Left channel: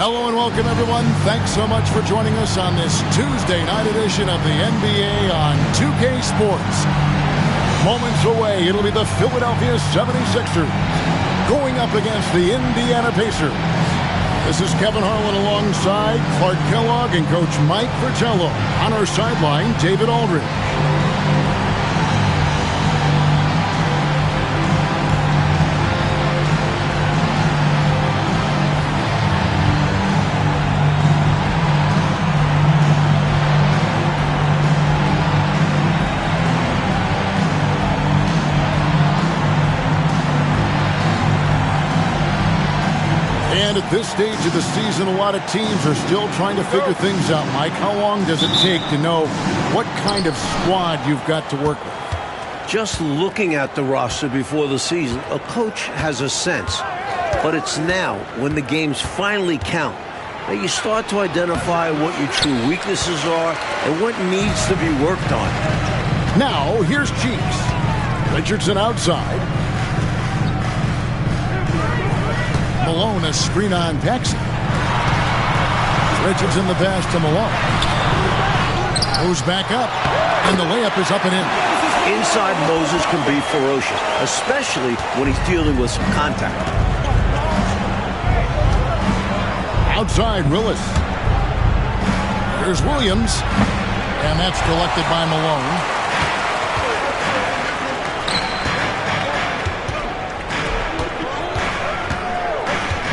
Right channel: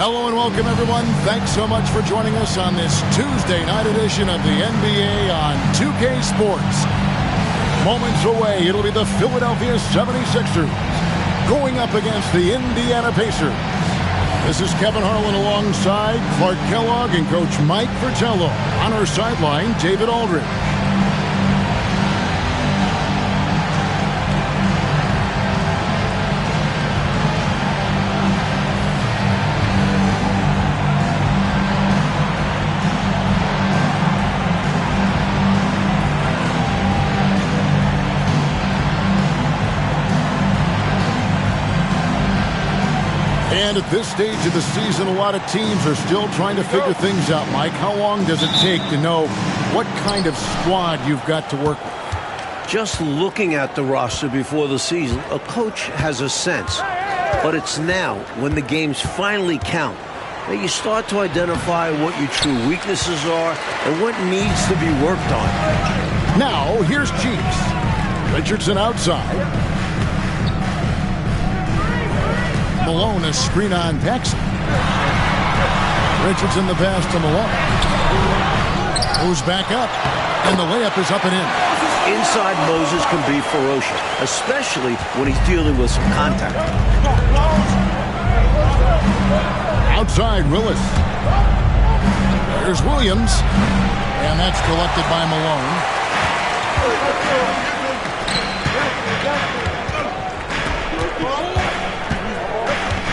Hello and welcome, everyone. Thanks so much for joining us on this Tuesday night edition of the NBA on 2K Sports. Moments away, it'll be the Philadelphia 76ers going up against the Indiana Pacers. This is Kevin Harlan alongside Clark Kellogg and Coach Mike Fratello. On our sideline, David Aldridge. And at this stage of the season, a lot of teams are still trying to figure things out, Mike. How long does it take to know what kind of squad you've got to work with? Just looking at the roster before the season, a coach has a sense. But it's now, when the games finally count, that you start to identify what your true weaknesses are and what needs to be worked on. Now, here's Cheeks. Richardson outside. Malone, a screen on Paxson. Richardson the pass to Malone. Goes back up, and the layup is up and in. Inside, Moses can be ferocious, especially when he's dealing with some contact. Outside, Willis. There's Williams, and that's collected by Malone.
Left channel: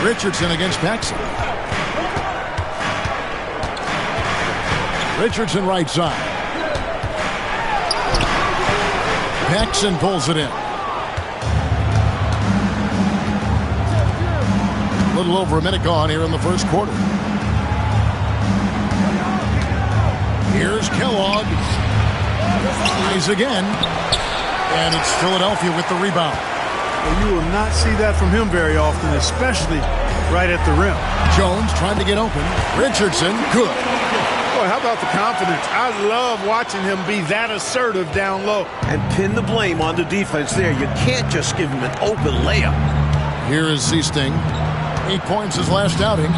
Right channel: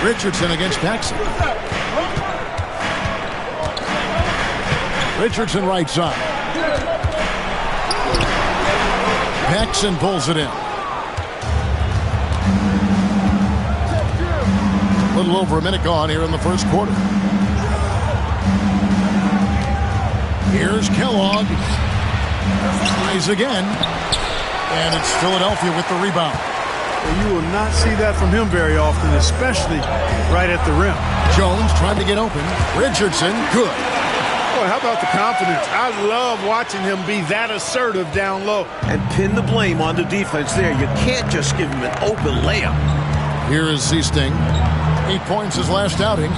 Richardson against Paxson. Richardson right side. Paxson pulls it in. A little over a minute gone here in the first quarter. Here's Kellogg. Tries again. And it's Philadelphia with the rebound. Well, you will not see that from him very often, especially right at the rim. Jones trying to get open. Richardson, good. Boy, how about the confidence? I love watching him be that assertive down low. And pin the blame on the defense there. You can't just give him an open layup. Here is Seasting. 8 points his last outing.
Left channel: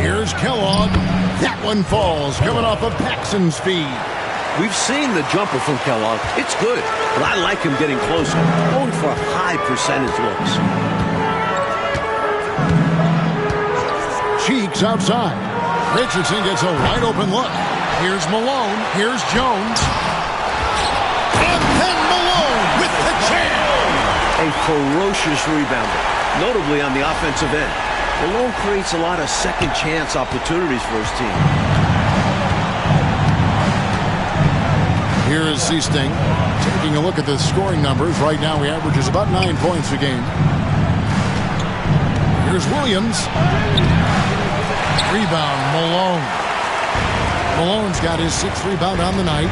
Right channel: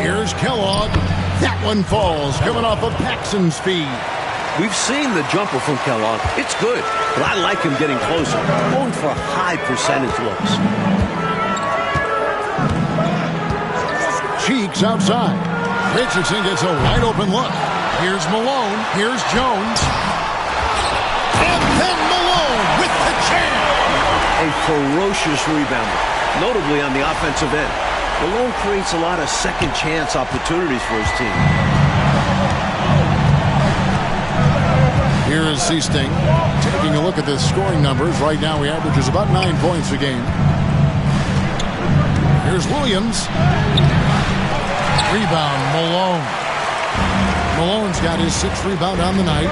Here's Kellogg. That one falls, coming off of Paxson's feed. We've seen the jumper from Kellogg. It's good, but I like him getting closer, going for high percentage looks. Cheeks outside. Richardson gets a wide open look. Here's Malone. Here's Jones. And then Malone with the jam. A ferocious rebounder, notably on the offensive end. Malone creates a lot of second chance opportunities for his team. Here is Seasting taking a look at the scoring numbers. Right now he averages about 9 points a game. Here's Williams. Rebound, Malone. Malone's got his 6th rebound on the night.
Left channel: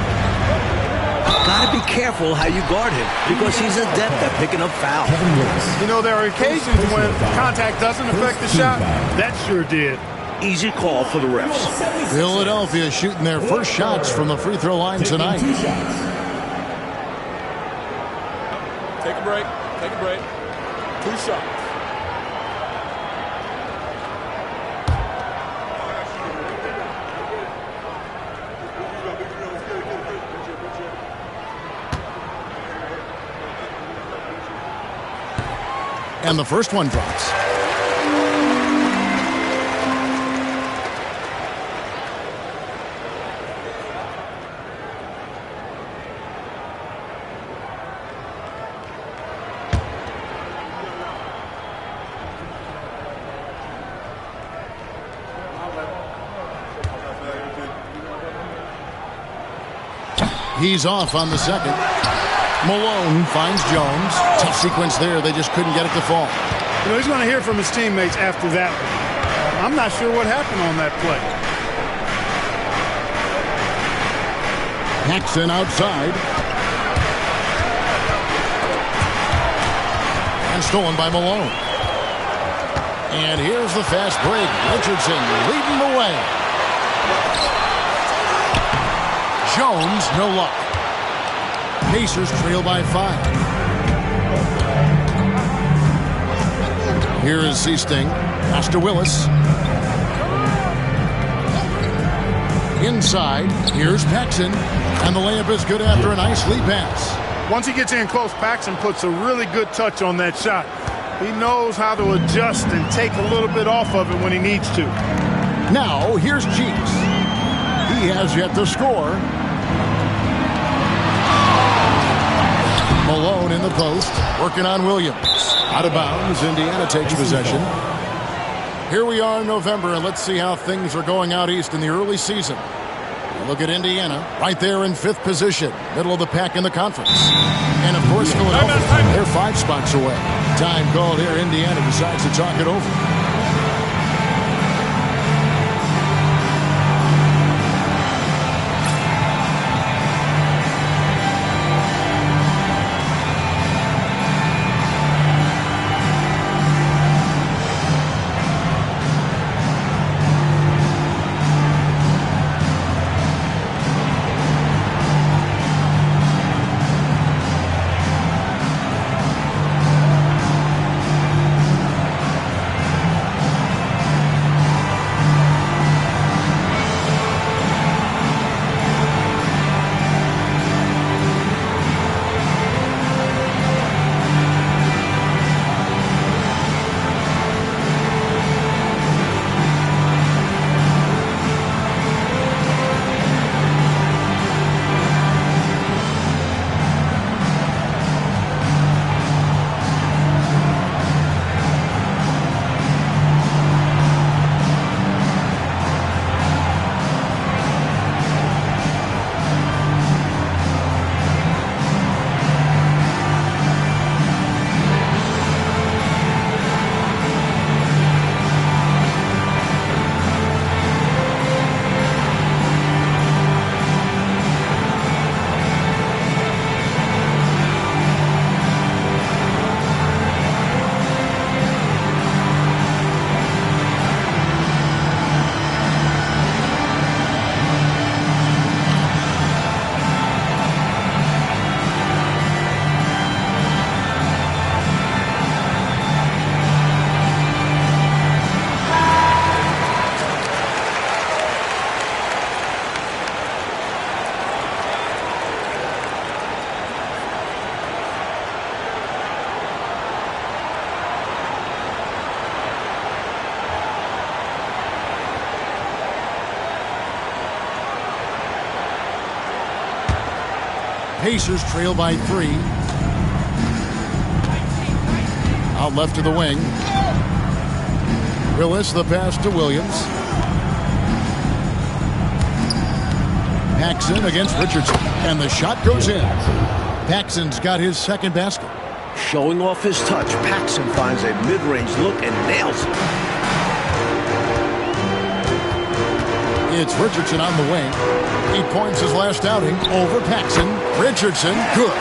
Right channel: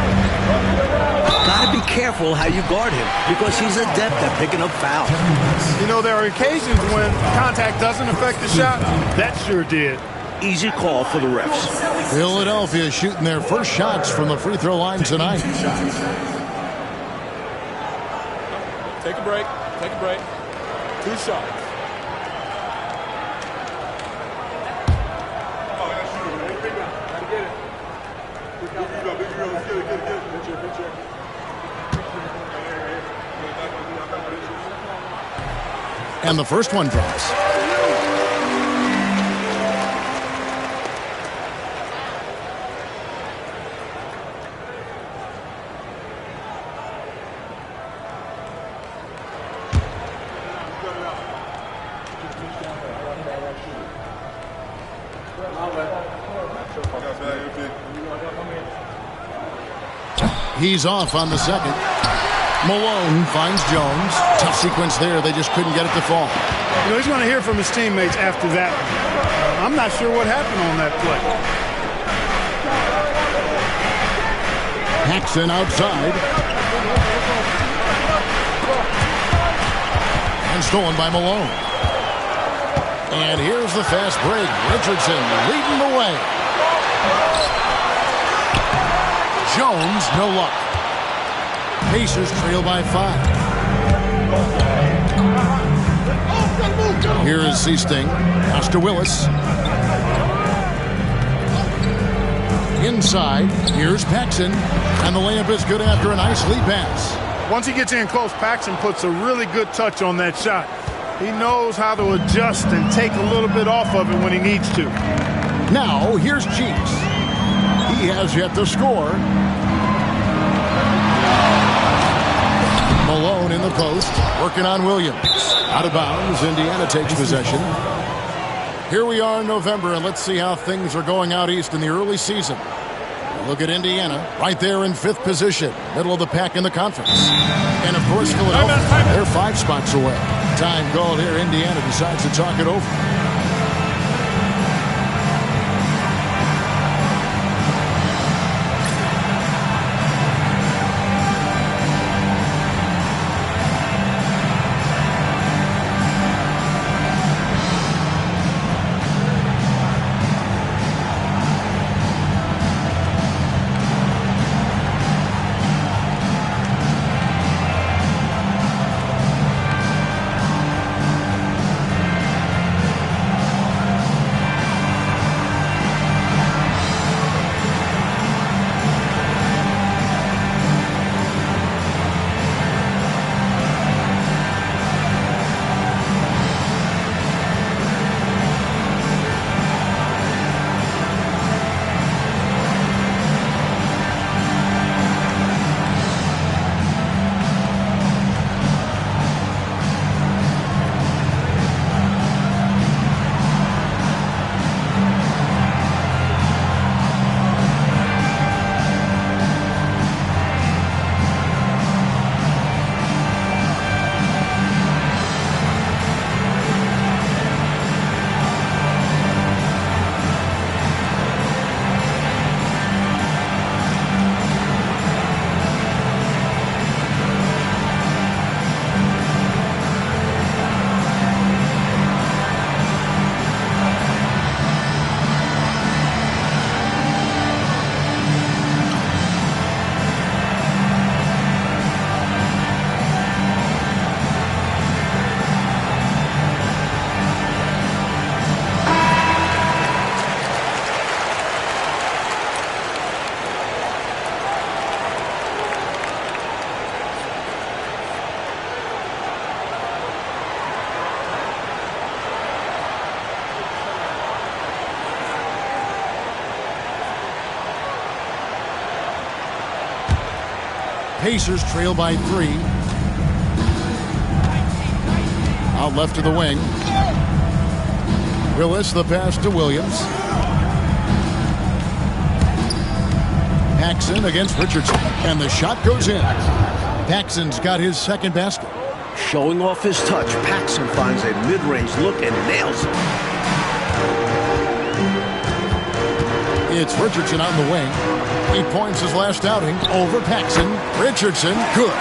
Got to be careful how you guard him because he's adept at picking up fouls. You know, there are occasions when contact doesn't affect the shot. That sure did. Easy call for the refs. Philadelphia shooting their first shots from the free throw line tonight. Take a break. Take a break. 2 shots. And the first one drops. He's off on the second. Malone finds Jones. Tough sequence there. They just couldn't get it to fall. You know, he's going to hear from his teammates after that one. I'm not sure what happened on that play. Paxson outside. And stolen by Malone. And here's the fast break. Richardson leading the way. Jones, no luck. Pacers trail by 5. Here is Seasting Pass to Willis. Inside, here's Paxson. And the layup is good after a nice lead pass. Once he gets in close, Paxson puts a really good touch on that shot. He knows how to adjust and take a little bit off of it when he needs to. Now, here's Cheeks. He has yet to score. Malone in the post, working on Williams. Out of bounds, Indiana takes possession. Here we are in November, and let's see how things are going out east in the early season. Look at Indiana, right there in 5th position, middle of the pack in the conference. And, of course, Philadelphia, they're 5 spots away. Time called here. Indiana decides to talk it over. Pacers trail by 3. Out left to the wing. Willis, the pass to Williams. Paxson against Richardson. And the shot goes in. Paxson's got his second basket. Showing off his touch, Paxson finds a mid-range look and nails it. It's Richardson on the wing. 8 points his last outing over Paxson. Richardson, good.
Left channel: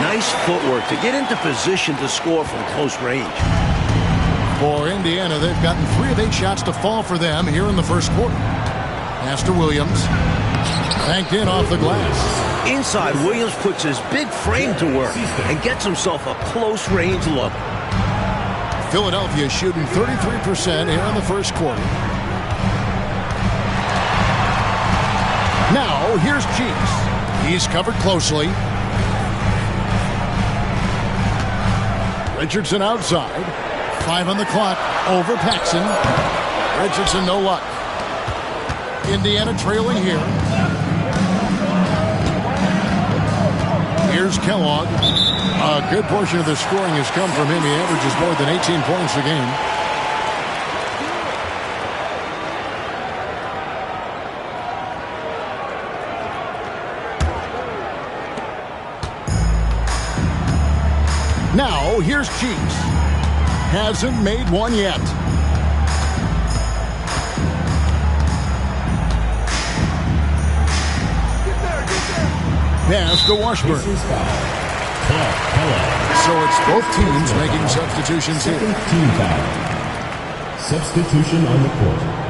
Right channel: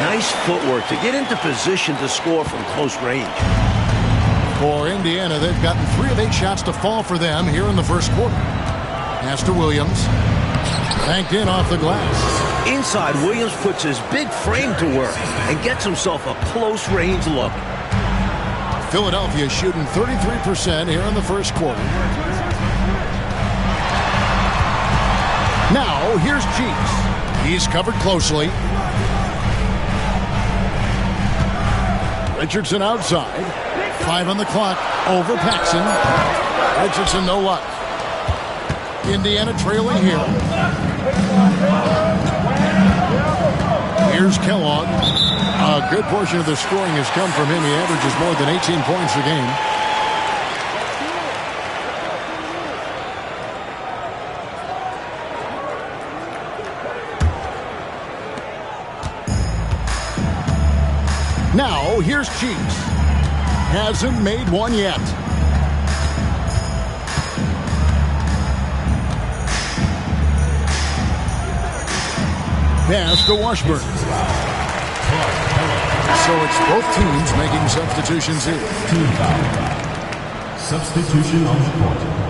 Nice footwork to get into position to score from close range. For Indiana, they've gotten 3 of 8 shots to fall for them here in the first quarter. Pass to Williams. Banked in off the glass. Inside, Williams puts his big frame to work and gets himself a close-range look. Philadelphia shooting 33% here in the first quarter. Now, here's Cheeks. He's covered closely. Richardson outside. 5 on the clock. Over Paxson. Richardson, no luck. Indiana trailing here. Here's Kellogg. A good portion of the scoring has come from him. He averages more than 18 points a game. Now, here's Cheeks. Hasn't made one yet. Pass to Washburn. So it's both teams making substitutions here. Team foul. Substitution on the court.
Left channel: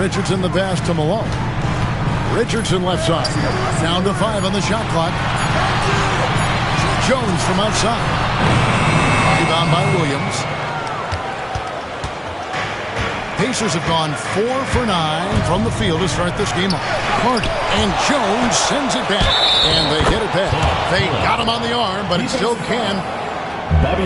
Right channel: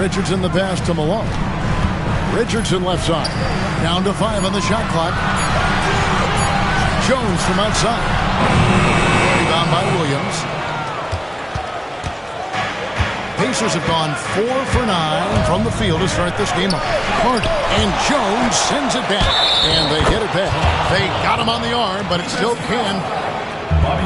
Richardson the pass to Malone. Richardson left side. Down to 5 on the shot clock. Jones from outside. Rebound by Williams. Pacers have gone 4 for 9 from the field to start this game off. Carter and Jones sends it back. And they hit it back. They got him on the arm, but it still can.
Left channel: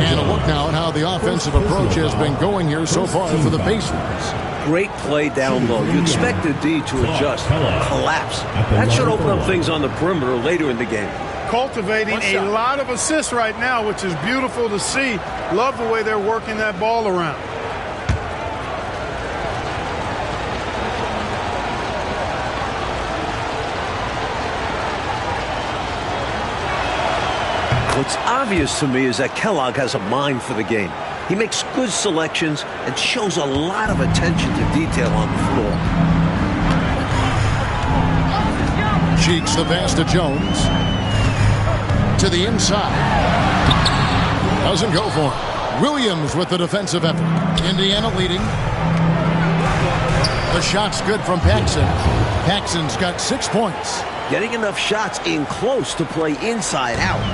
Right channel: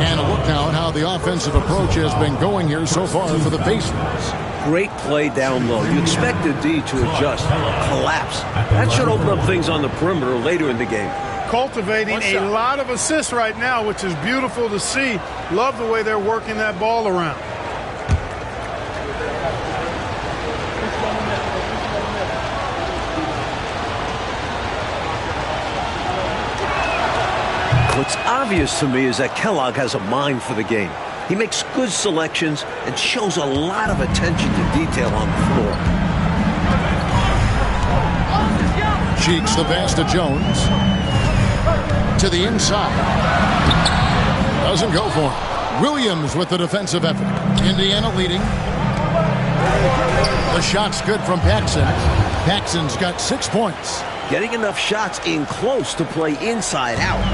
And a look now at how the offensive approach has been going here so far for the Pacers. Great play down low. You expect the D to adjust, collapse. That should open up things on the perimeter later in the game. Cultivating a lot of assists right now, which is beautiful to see. Love the way they're working that ball around. What's obvious to me is that Kellogg has a mind for the game. He makes good selections and shows a lot of attention to detail on the floor. Cheeks the pass to Jones. To the inside. Doesn't go for him. Williams with the defensive effort. Indiana leading. The shot's good from Paxson. Paxson's got 6 points. Getting enough shots in close to play inside out.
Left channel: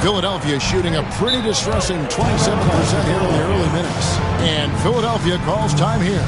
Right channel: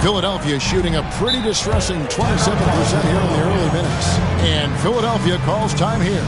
Philadelphia shooting a pretty distressing 27% here in the early minutes. And Philadelphia calls time here.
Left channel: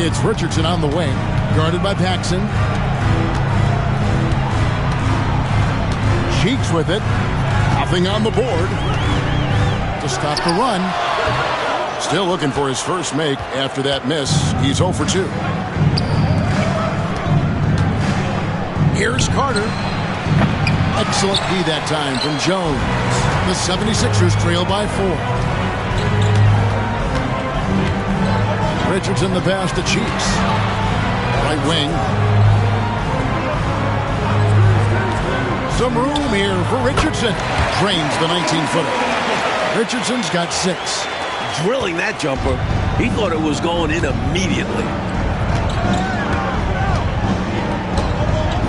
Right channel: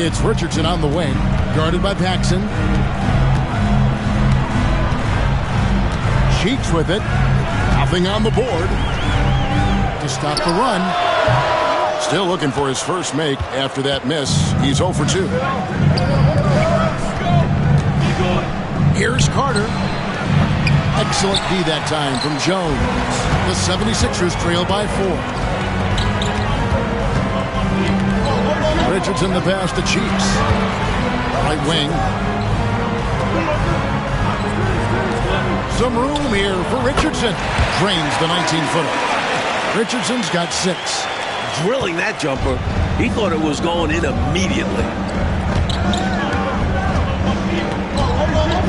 It's Richardson on the wing, guarded by Paxson. Cheeks with it. Nothing on the board to stop the run. Still looking for his first make after that miss. He's 0 for 2. Here's Carter. Excellent D that time from Jones. The 76ers trail by 4. Richardson the pass to Cheeks. Right wing. Some room here for Richardson. Drains the 19-footer. Richardson's got 6. Drilling that jumper. He thought it was going in immediately.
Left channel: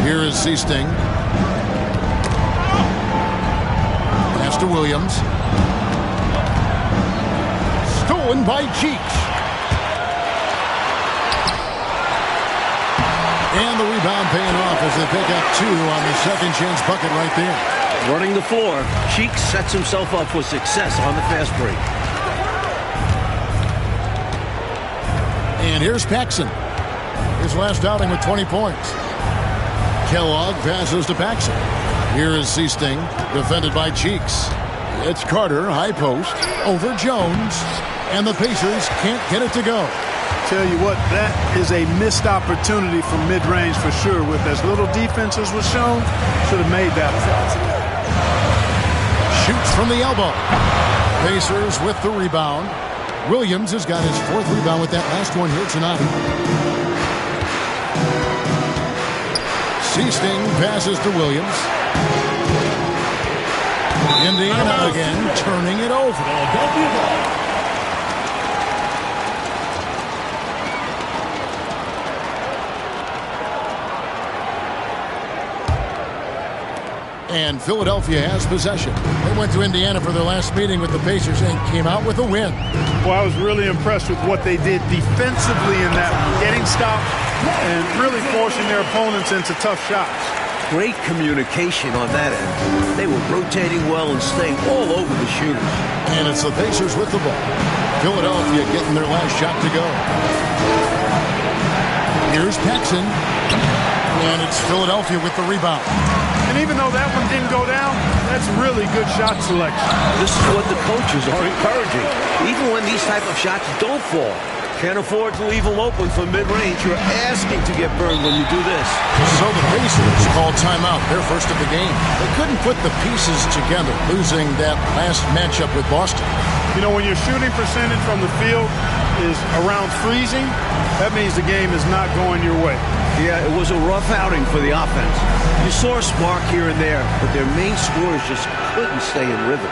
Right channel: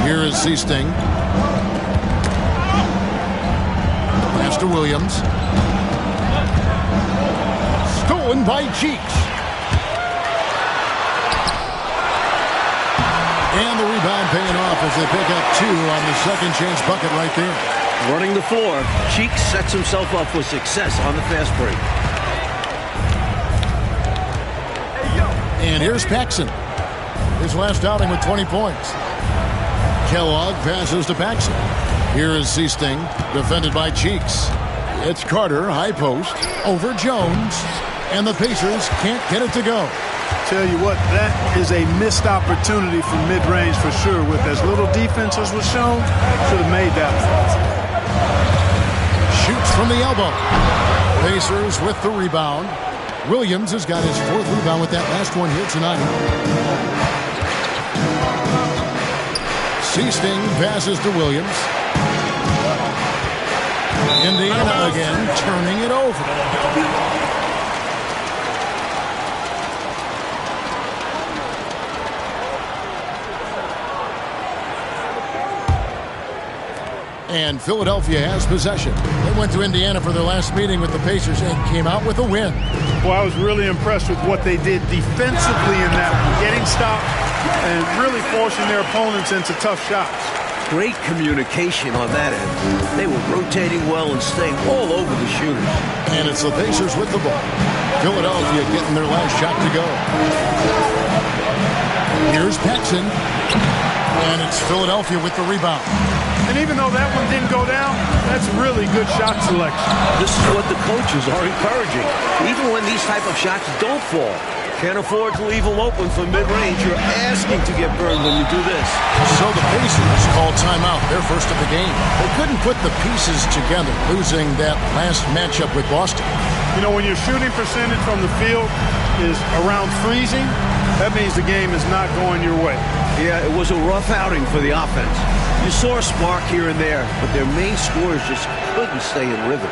Here is Seasting. Pass to Williams. Stolen by Cheeks. And the rebound paying off as they pick up 2 on the second chance bucket right there. Running the floor, Cheeks sets himself up for success on the fast break. And here's Paxson. His last outing with 20 points. Kellogg passes to Paxson. Here is Seasting, defended by Cheeks. It's Carter, high post, over Jones. And the Pacers can't get it to go. Tell you what, that is a missed opportunity from mid-range for sure. With as little defense as was shown, should have made that one. Shoots from the elbow. Pacers with the rebound. Williams has got his 4th rebound with that last one here tonight. Seasting passes to Williams. Indiana again turning it over. And Philadelphia has possession. They went to Indiana for their last meeting with the Pacers and came out with a win. Well, I was really impressed with what they did defensively in that one. Getting stopped and really forcing their opponents into tough shots. Great communication on that end. They were rotating well and staying all over the shooters. And it's the Pacers with the ball. Philadelphia getting their last shot to go. Here's Paxson. And it's Philadelphia with the rebound. And even though that one didn't go down, that's really good shot selection. This is what the coaches are encouraging. Even when these type of shots don't fall. Can't afford to leave them open for mid-range. You're asking to get burned when you do this. So the Pacers call timeout, their first of the game. They couldn't put the pieces together, losing that last matchup with Boston. You know, when your shooting percentage from the field is around freezing, that means the game is not going your way. Yeah, it was a rough outing for the offense. You saw a spark here and there, but their main scorers just couldn't stay in rhythm.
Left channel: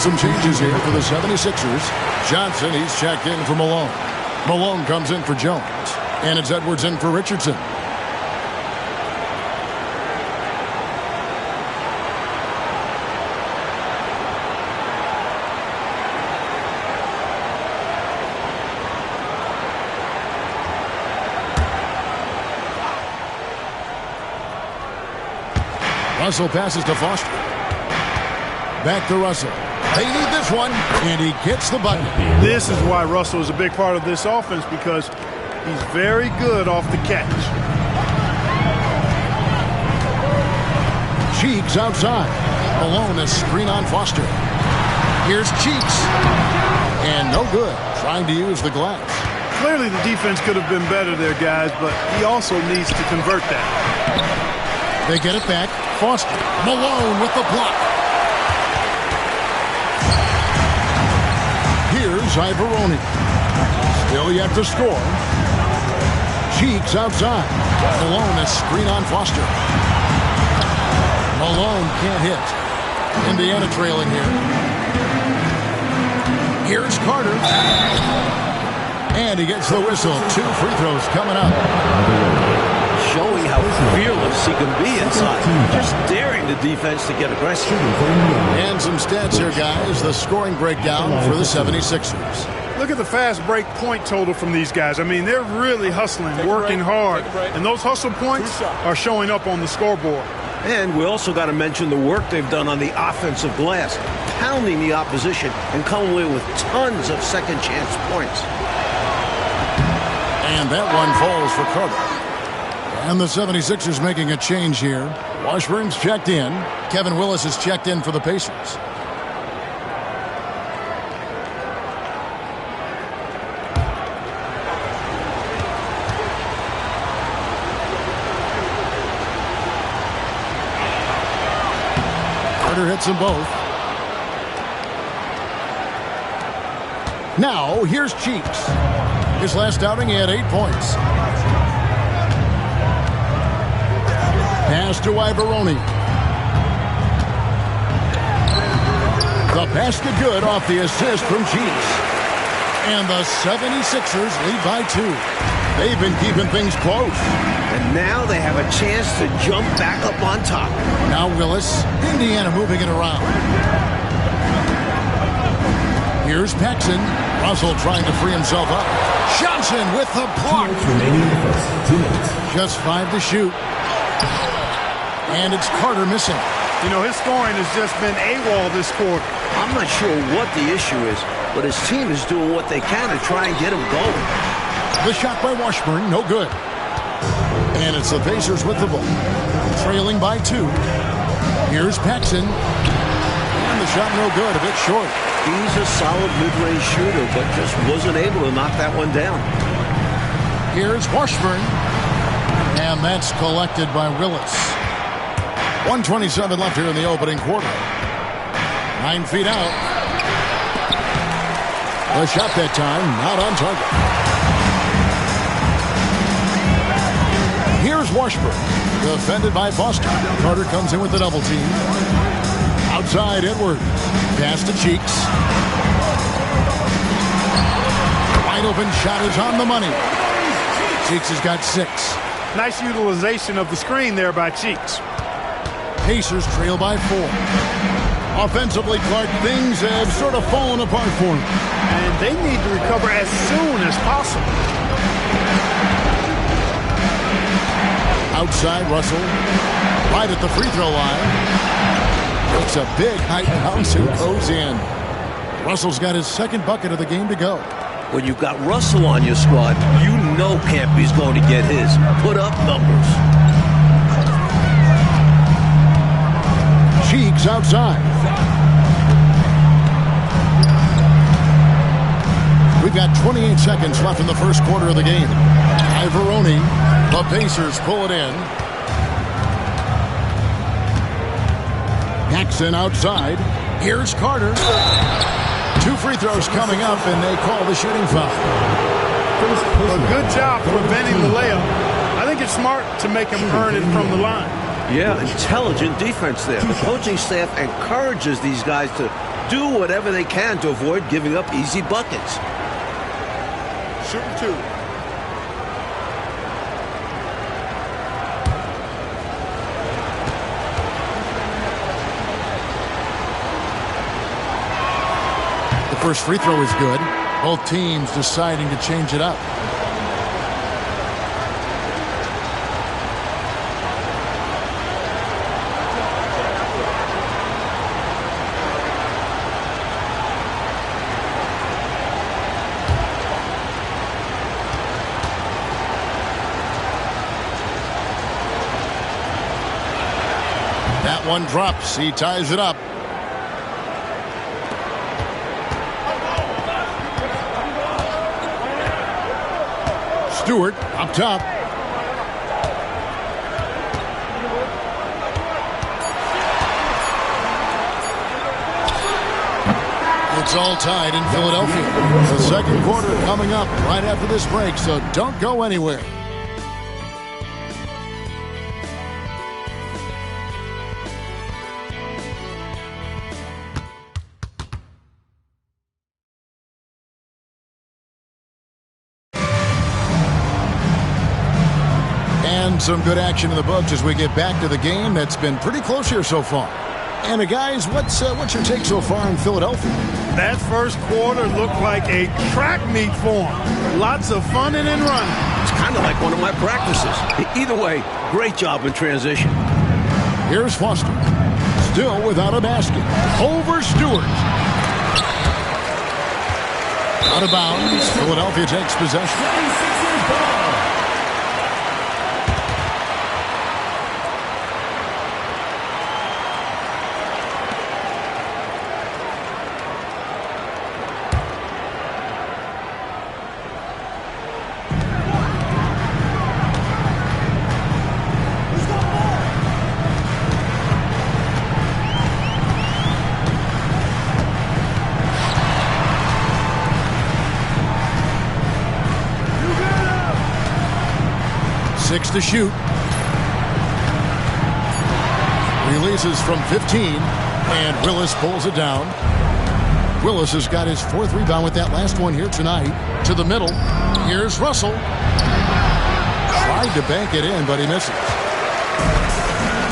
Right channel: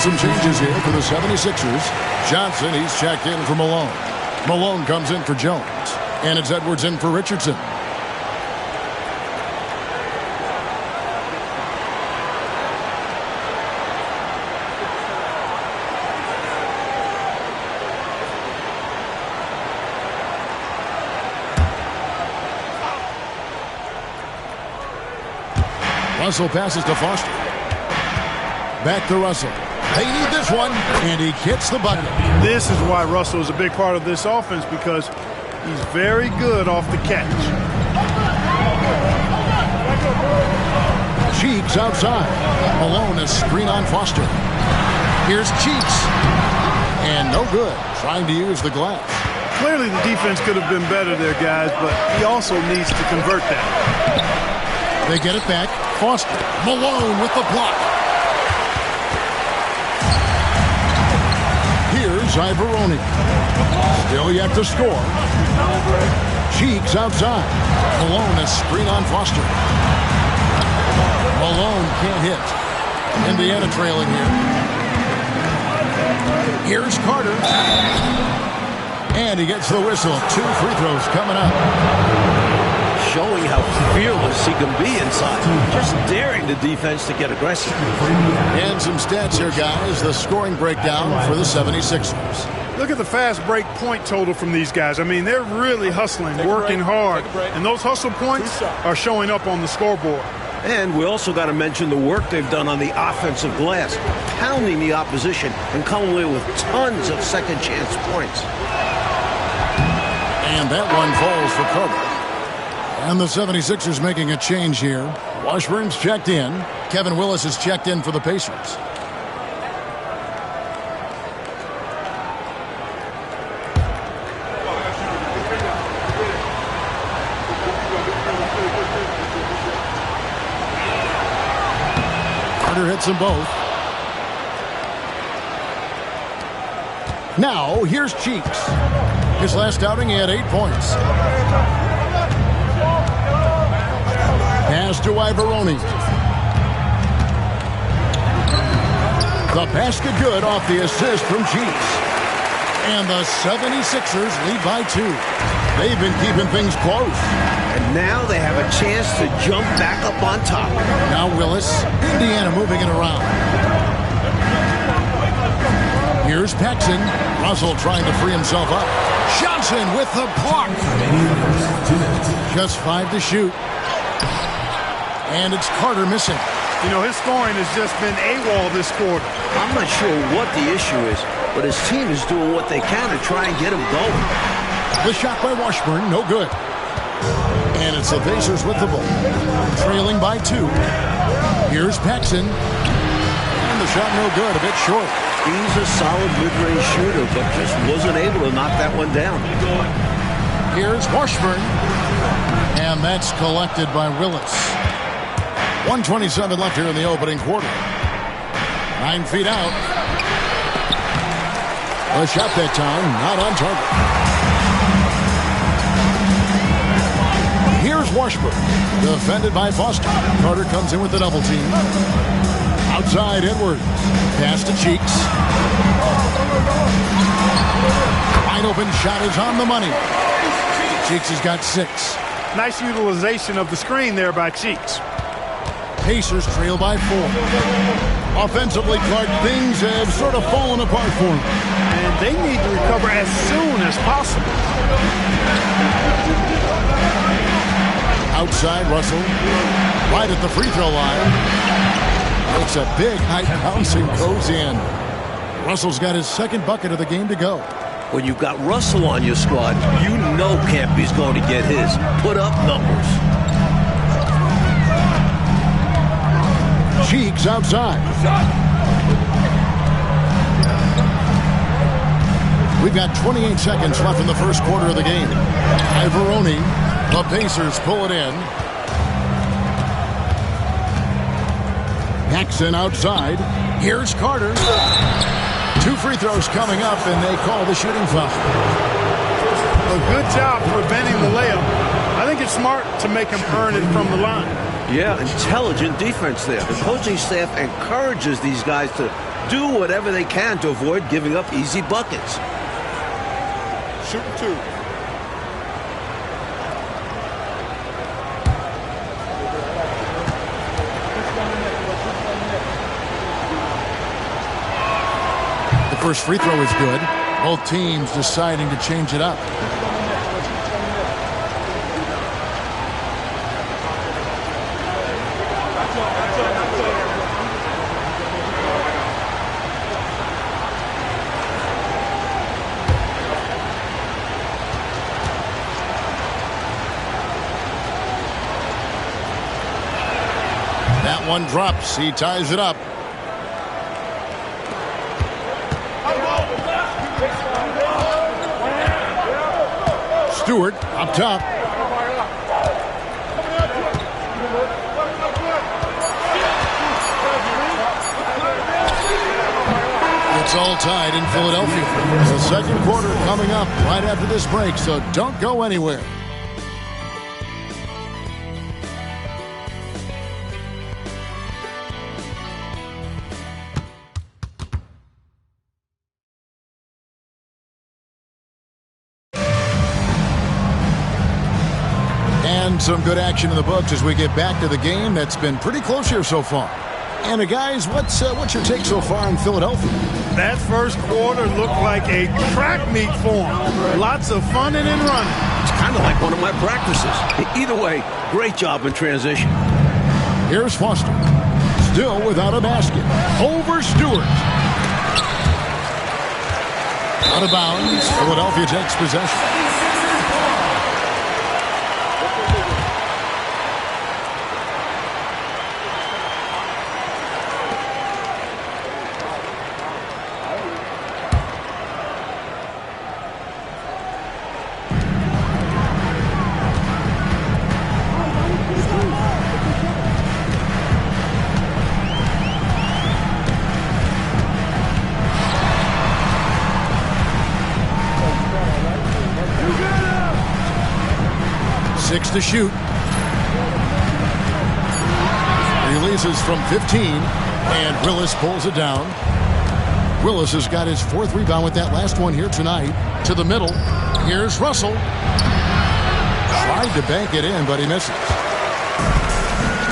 Some changes here for the 76ers. Johnson, he's checked in for Malone. Malone comes in for Jones. And it's Edwards in for Richardson. Russell passes to Foster. Back to Russell. They need this one, and he gets the bucket. This is why Russell is a big part of this offense, because he's very good off the catch. Cheeks outside. Malone, a screen on Foster. Here's Cheeks. And no good, trying to use the glass. Clearly the defense could have been better there, guys, but he also needs to convert that. They get it back. Foster. Malone with the block. Here's Ivoroni. Still yet to score. Cheeks outside. Malone, a screen on Foster. Malone can't hit. Indiana trailing here. Here's Carter. And he gets the whistle. 2 free throws coming up. Showing how fearless he can be inside. Just daring the defense to get aggressive. And some stats here, guys. The scoring breakdown for the 76ers. Look at the fast break point total from these guys. I mean, they're really hustling, working hard, and those hustle points are showing up on the scoreboard. And we also got to mention the work they've done on the offensive glass, pounding the opposition and coming away with tons of second chance points. And that one falls for Carter. And the 76ers making a change here. Washburn's checked in. Kevin Willis is checked in for the Pacers. Carter hits them both. Now, here's Cheeks. His last outing, he had 8 points. Pass to Ivoroni. The basket good off the assist from Cheeks. And the 76ers lead by 2. They've been keeping things close. And now they have a chance to jump back up on top. Now Willis. Indiana moving it around. Here's Paxson. Russell trying to free himself up. Johnson with the block. Just 5 to shoot. And it's Carter missing. You know, his scoring has just been AWOL this quarter. I'm not sure what the issue is, but his team is doing what they can to try and get him going. The shot by Washburn, no good. And it's the Pacers with the ball. Trailing by 2. Here's Paxson. And the shot no good, a bit short. He's a solid mid-range shooter, but just wasn't able to knock that one down. Here's Washburn. And that's collected by Willis. 1:27 left here in the opening quarter. 9 feet out. The shot that time, not on target. Here's Washburn. Defended by Foster. Carter comes in with the double team. Outside Edwards. Pass to Cheeks. Wide open shot is on the money. Cheeks has got 6. Nice utilization of the screen there by Cheeks. Pacers trail by 4. Offensively, Clark, things have sort of fallen apart for them. And they need to recover as soon as possible. Outside, Russell. Right at the free throw line. Makes a big high bounce and goes in. Russell's got his second bucket of the game to go. When you've got Russell on your squad, you know Campy's going to get his. Put up numbers. Cheeks outside. We've got 28 seconds left in the first quarter of the game. Ivoroni. The Pacers pull it in. Paxson outside. Here's Carter. 2 free throws coming up, and they call the shooting foul. A good job preventing the layup. I think it's smart to make him earn it from the line. Yeah, intelligent defense there. The coaching staff encourages these guys to do whatever they can to avoid giving up easy buckets. Shooting 2. The first free throw is good. Both teams deciding to change it up. That one drops. He ties it up. Stewart up top. It's all tied in Philadelphia. The second quarter coming up right after this break, so don't go anywhere. And some good action in the books as we get back to the game that's been pretty close here so far. And guys, what's your take so far in Philadelphia? That first quarter looked like a track meet for him. Lots of funning and running. It's kind of like one of my practices. Either way, great job in transition. Here's Foster. Still without a basket. Over Stewart. Out of bounds. Philadelphia takes possession. Six to shoot. Releases from 15, and Willis pulls it down. Willis has got his 4th rebound with that last one here tonight. To the middle. Here's Russell. Tried to bank it in, but he misses.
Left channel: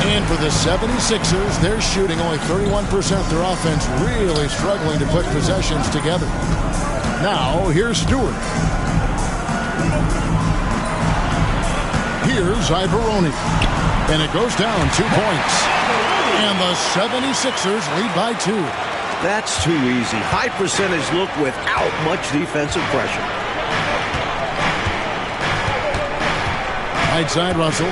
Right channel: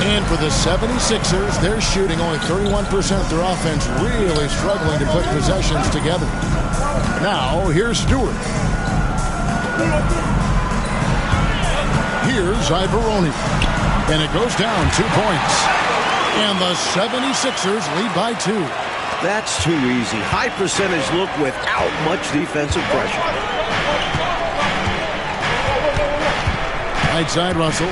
And for the 76ers, they're shooting only 31%. Their offense really struggling to put possessions together. Now, here's Stewart. Here's Ibaroni. And it goes down 2 points. And the 76ers lead by 2. That's too easy. High percentage look without much defensive pressure. Right side, Russell.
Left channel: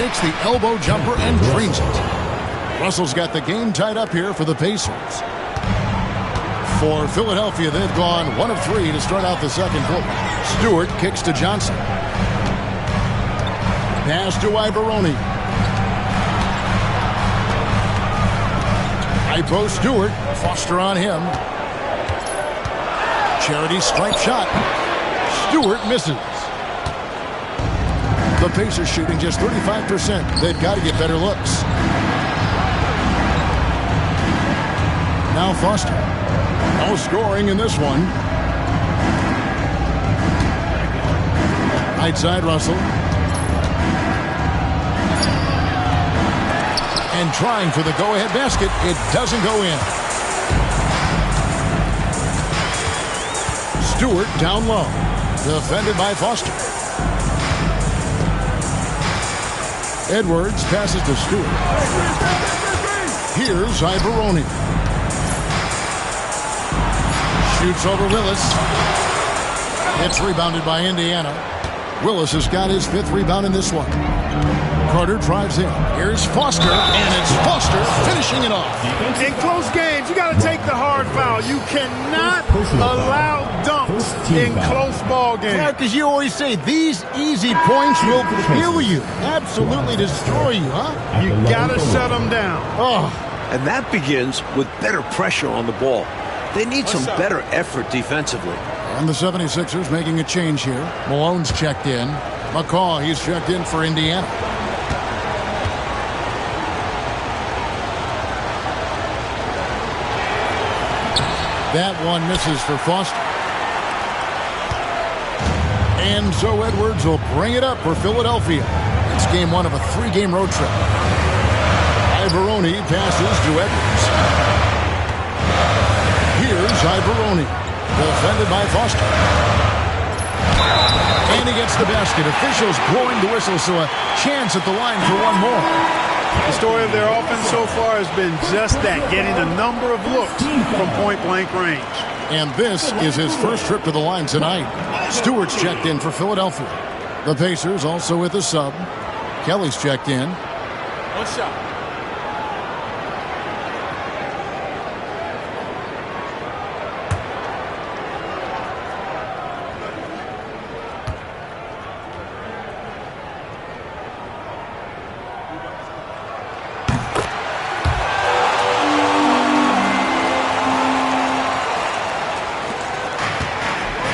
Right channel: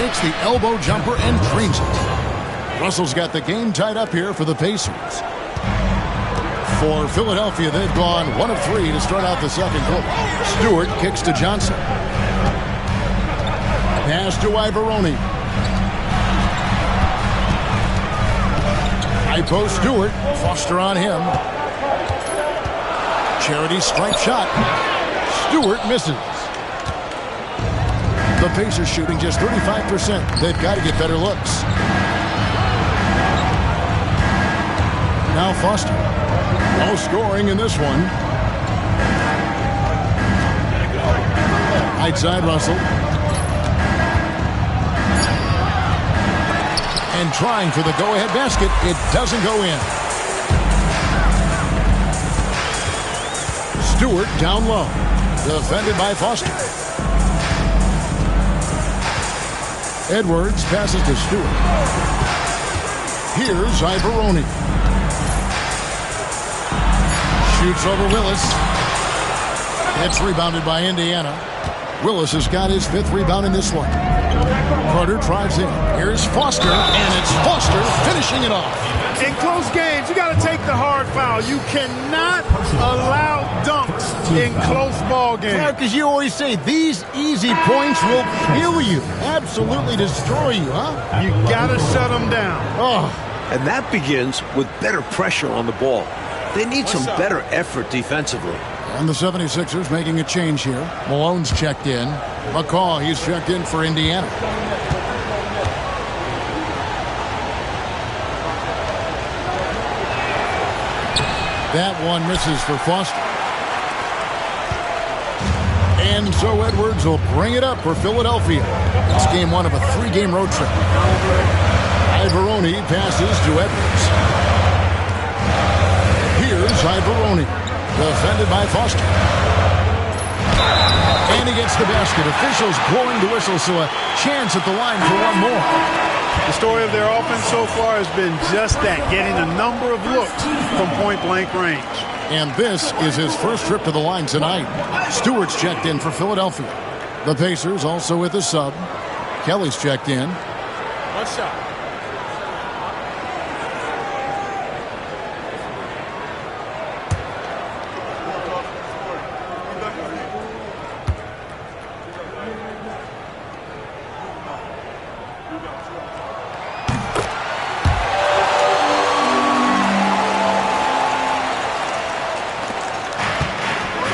Takes the elbow jumper and drains it. Russell's got the game tied up here for the Pacers. For Philadelphia, they've gone 1 of 3 to start out the second quarter. Stewart kicks to Johnson. Pass to Ibaroni. Ipo Stewart. Foster on him. Charity stripe shot. Stewart misses. The Pacers shooting just 35%. They've got to get better looks. Now Foster. No scoring in this one. Right side, Russell. And trying for the go-ahead basket. It doesn't go in. Stewart down low. Defended by Foster. Edwards passes to Stewart. Here's Ibaroni. Shoots over Willis. It's rebounded by Indiana. Willis has got his 5th rebound in this one. Carter drives in. Here's Foster, and it's Foster finishing it off. In close games, you got to take the hard foul. You cannot allow dunks in close ball games. Clark, as you always say, these easy points will kill you. Absolutely destroy you, huh? You got to shut them down. Oh. And that begins with better pressure on the ball. They need some better effort defensively. And the 76ers making a change here. Malone's checked in. McCaw, he's checked in for Indiana. That one misses for Foster. And so Edwards will bring it up for Philadelphia. It's game 1 of a 3-game road trip. Ibaroni passes to Edwards. Here's Ibaroni. Defended by Foster. And he gets the basket. Officials blowing the whistle, so a chance at the line for one more. The story of their offense so far has been just that, getting a number of looks from point-blank range. And this is his first trip to the line tonight. Stewart's checked in for Philadelphia. The Pacers also with a sub. Kelly's checked in. 1 shot.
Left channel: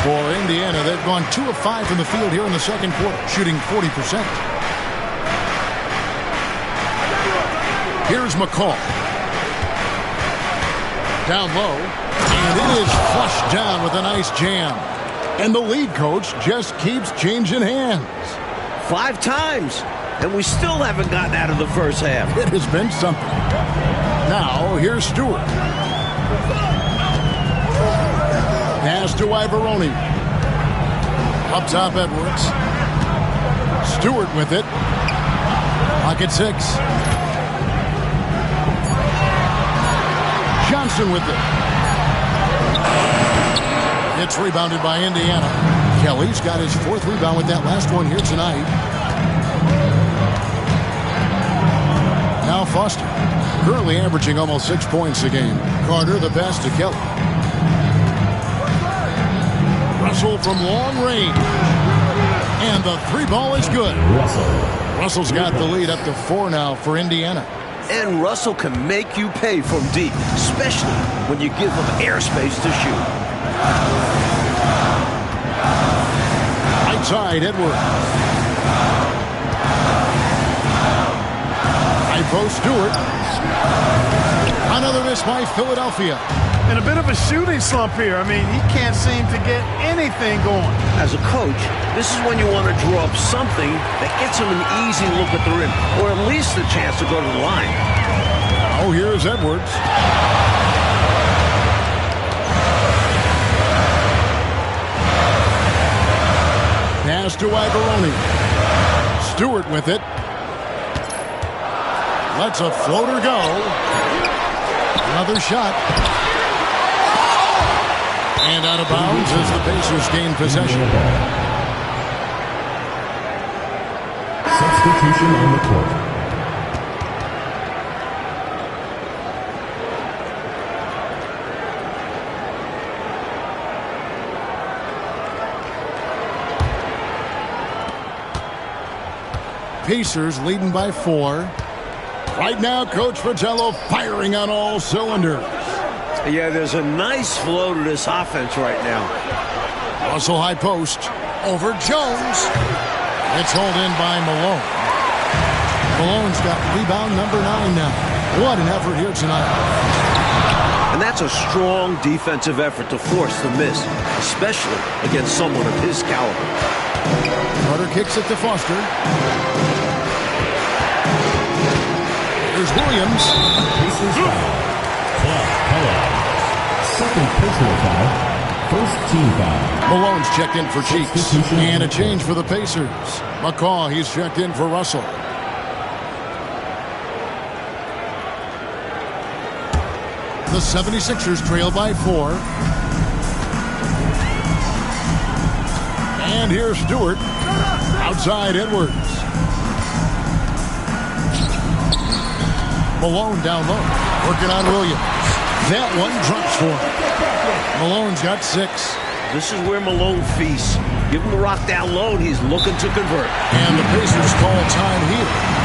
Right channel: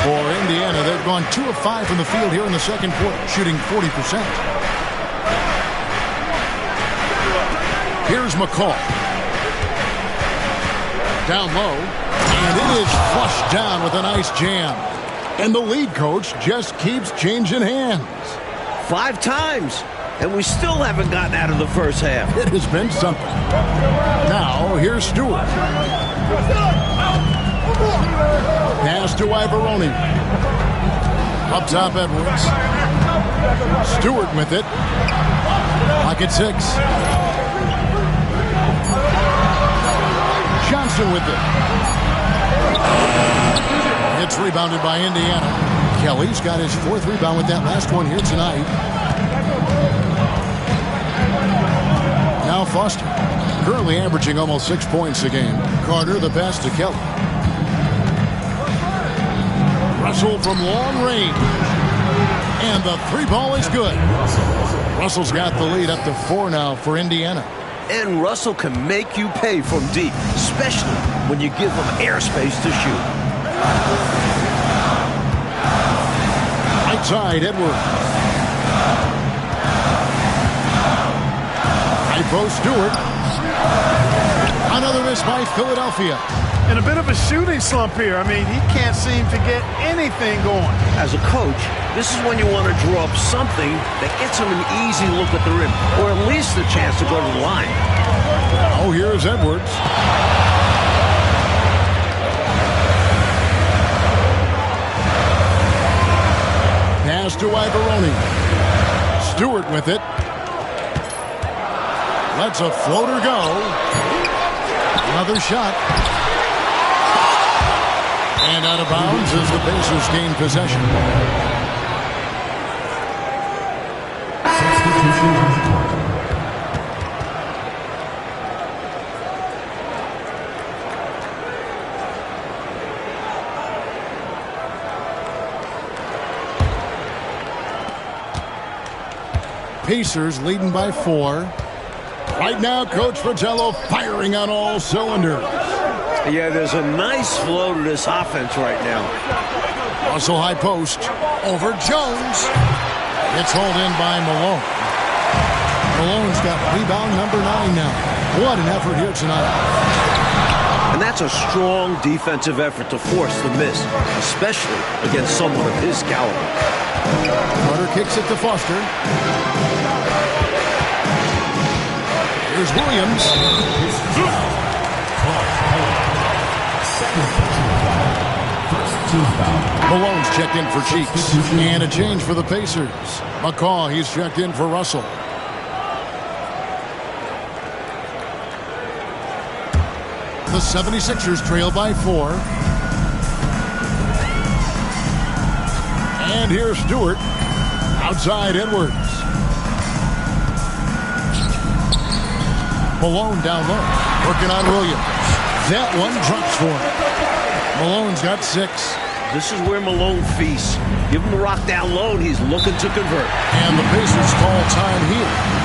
For Indiana, they've gone 2 of 5 from the field here in the second quarter, shooting 40%. Here's McCaw. Down low, and it is flushed down with a nice jam. And the lead coach just keeps changing hands. 5 times. And we still haven't gotten out of the first half. It has been something. Now, here's Stewart. Pass to Ivaroni. Up top, Edwards. Stewart with it. Pocket 6. Johnson with it. It's rebounded by Indiana. Kelly's got his 4th rebound with that last one here tonight. Now Foster, currently averaging almost 6 points a game. Carter, the pass to Kelly. Russell from long range. And the 3 ball is good. Russell's got the lead up to 4 now for Indiana. And Russell can make you pay from deep, especially when you give him airspace to shoot. Right side, Edwards. High post, Stewart. Another miss by Philadelphia. And a bit of a shooting slump here. I mean, he can't seem to get anything going. As a coach, this is when you want to draw up something that gets him an easy look at the rim, or at least a chance to go to the line. Oh, here's Edwards. Pass to Ivaroni. Stewart with it. Lets a floater go. Another shot. And out of bounds as the Pacers gain possession. Substitution on the court. Pacers leading by 4. Right now, Coach Fratello firing on all cylinders. Yeah, there's a nice flow to this offense right now. Russell high post. Over Jones. It's hauled in by Malone. Malone's got rebound number 9 now. What an effort here tonight. And that's a strong defensive effort to force the miss, especially against someone of his caliber. Carter kicks it to Foster. Here's Williams. Second personal foul. First team foul. Malone's checked in for Cheeks. And a change for the Pacers. McCaw, he's checked in for Russell. The 76ers trail by 4. And here's Stewart. Outside Edwards. Malone down low. Working on Williams. That one drops for him. Malone's got 6. This is where Malone feasts. Give him the rock down low, and he's looking to convert. And the Pacers call time here.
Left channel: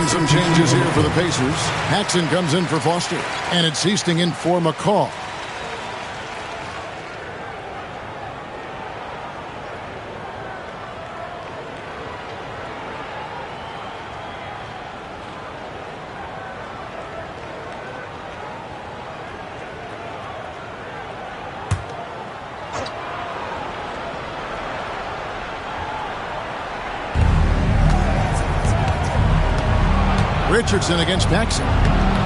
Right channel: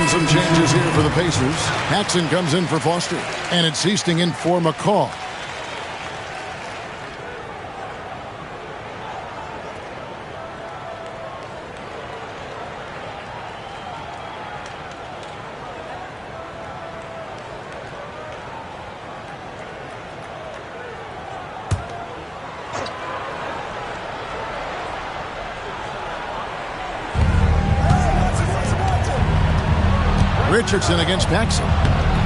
And some changes here for the Pacers. Paxson comes in for Foster. And it's Easting in for McCall. Richardson against Paxson.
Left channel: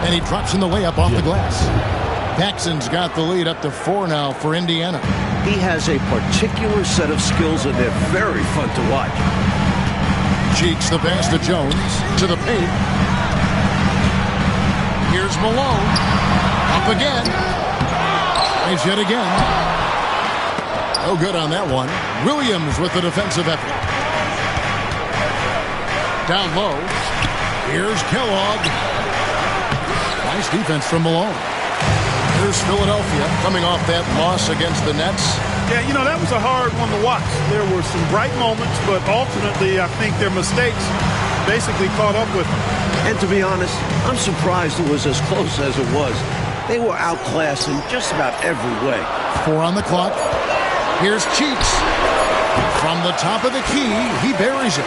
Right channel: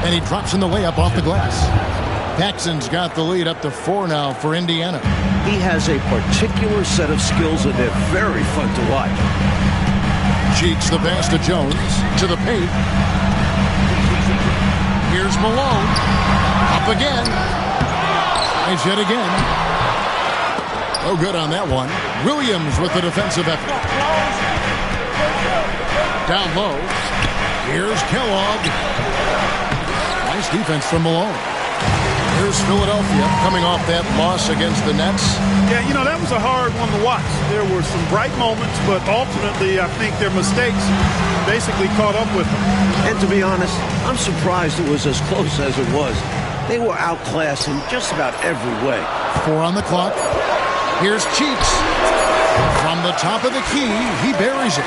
And he drops in the layup off the glass. Paxson's got the lead up to 4 now for Indiana. He has a particular set of skills, and they're very fun to watch. Cheeks the pass to Jones. To the paint. Here's Malone. Up again. Tries yet again. No good on that one. Williams with the defensive effort. Down low. Here's Kellogg. Nice defense from Malone. Here's Philadelphia coming off that loss against the Nets. Yeah, you know, that was a hard one to watch. There were some bright moments, but ultimately I think their mistakes basically caught up with them. And to be honest, I'm surprised it was as close as it was. They were outclassed in just about every way. 4 on the clock. Here's Cheeks. From the top of the key, he buries it.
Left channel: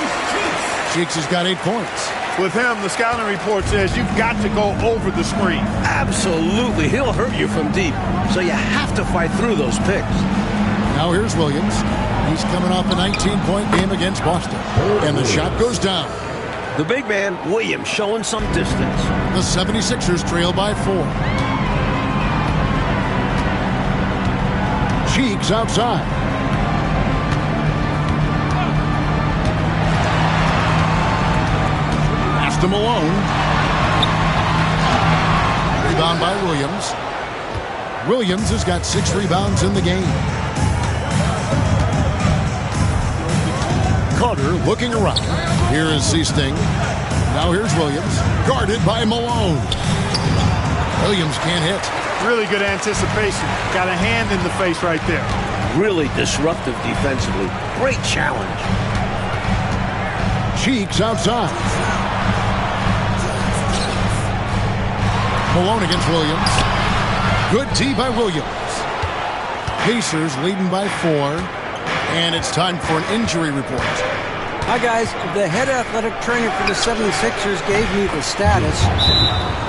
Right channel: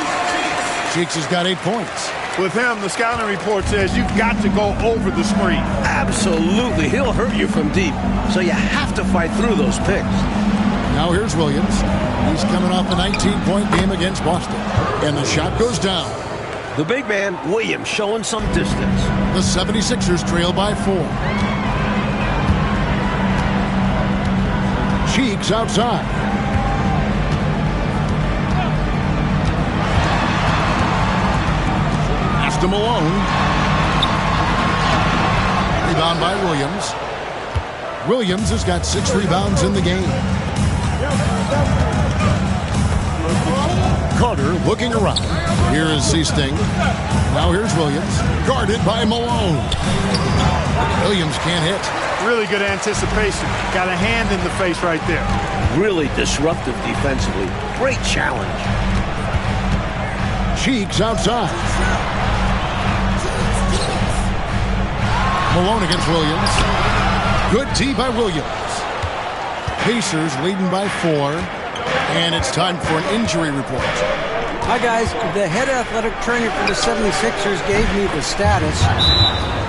Cheeks has got 8 points. With him, the scouting report says you've got to go over the screen. Absolutely. He'll hurt you from deep. So you have to fight through those picks. Now here's Williams. He's coming off a 19-point game against Boston. And the shot goes down. The big man, Williams, showing some distance. The 76ers trail by 4. Cheeks outside. Pass to Malone. Rebound by Williams. Williams has got 6 rebounds in the game. Carter looking around. Here is Seasting. Now here's Williams. Guarded by Malone. Williams can't hit. Really good anticipation. Got a hand in the face right there. Really disruptive defensively. Great challenge. Cheeks outside. Malone against Williams. Good tee by Williams. Pacers leading by 4. And it's time for an injury report. Hi, guys. The head athletic trainer for the 76ers gave me the status.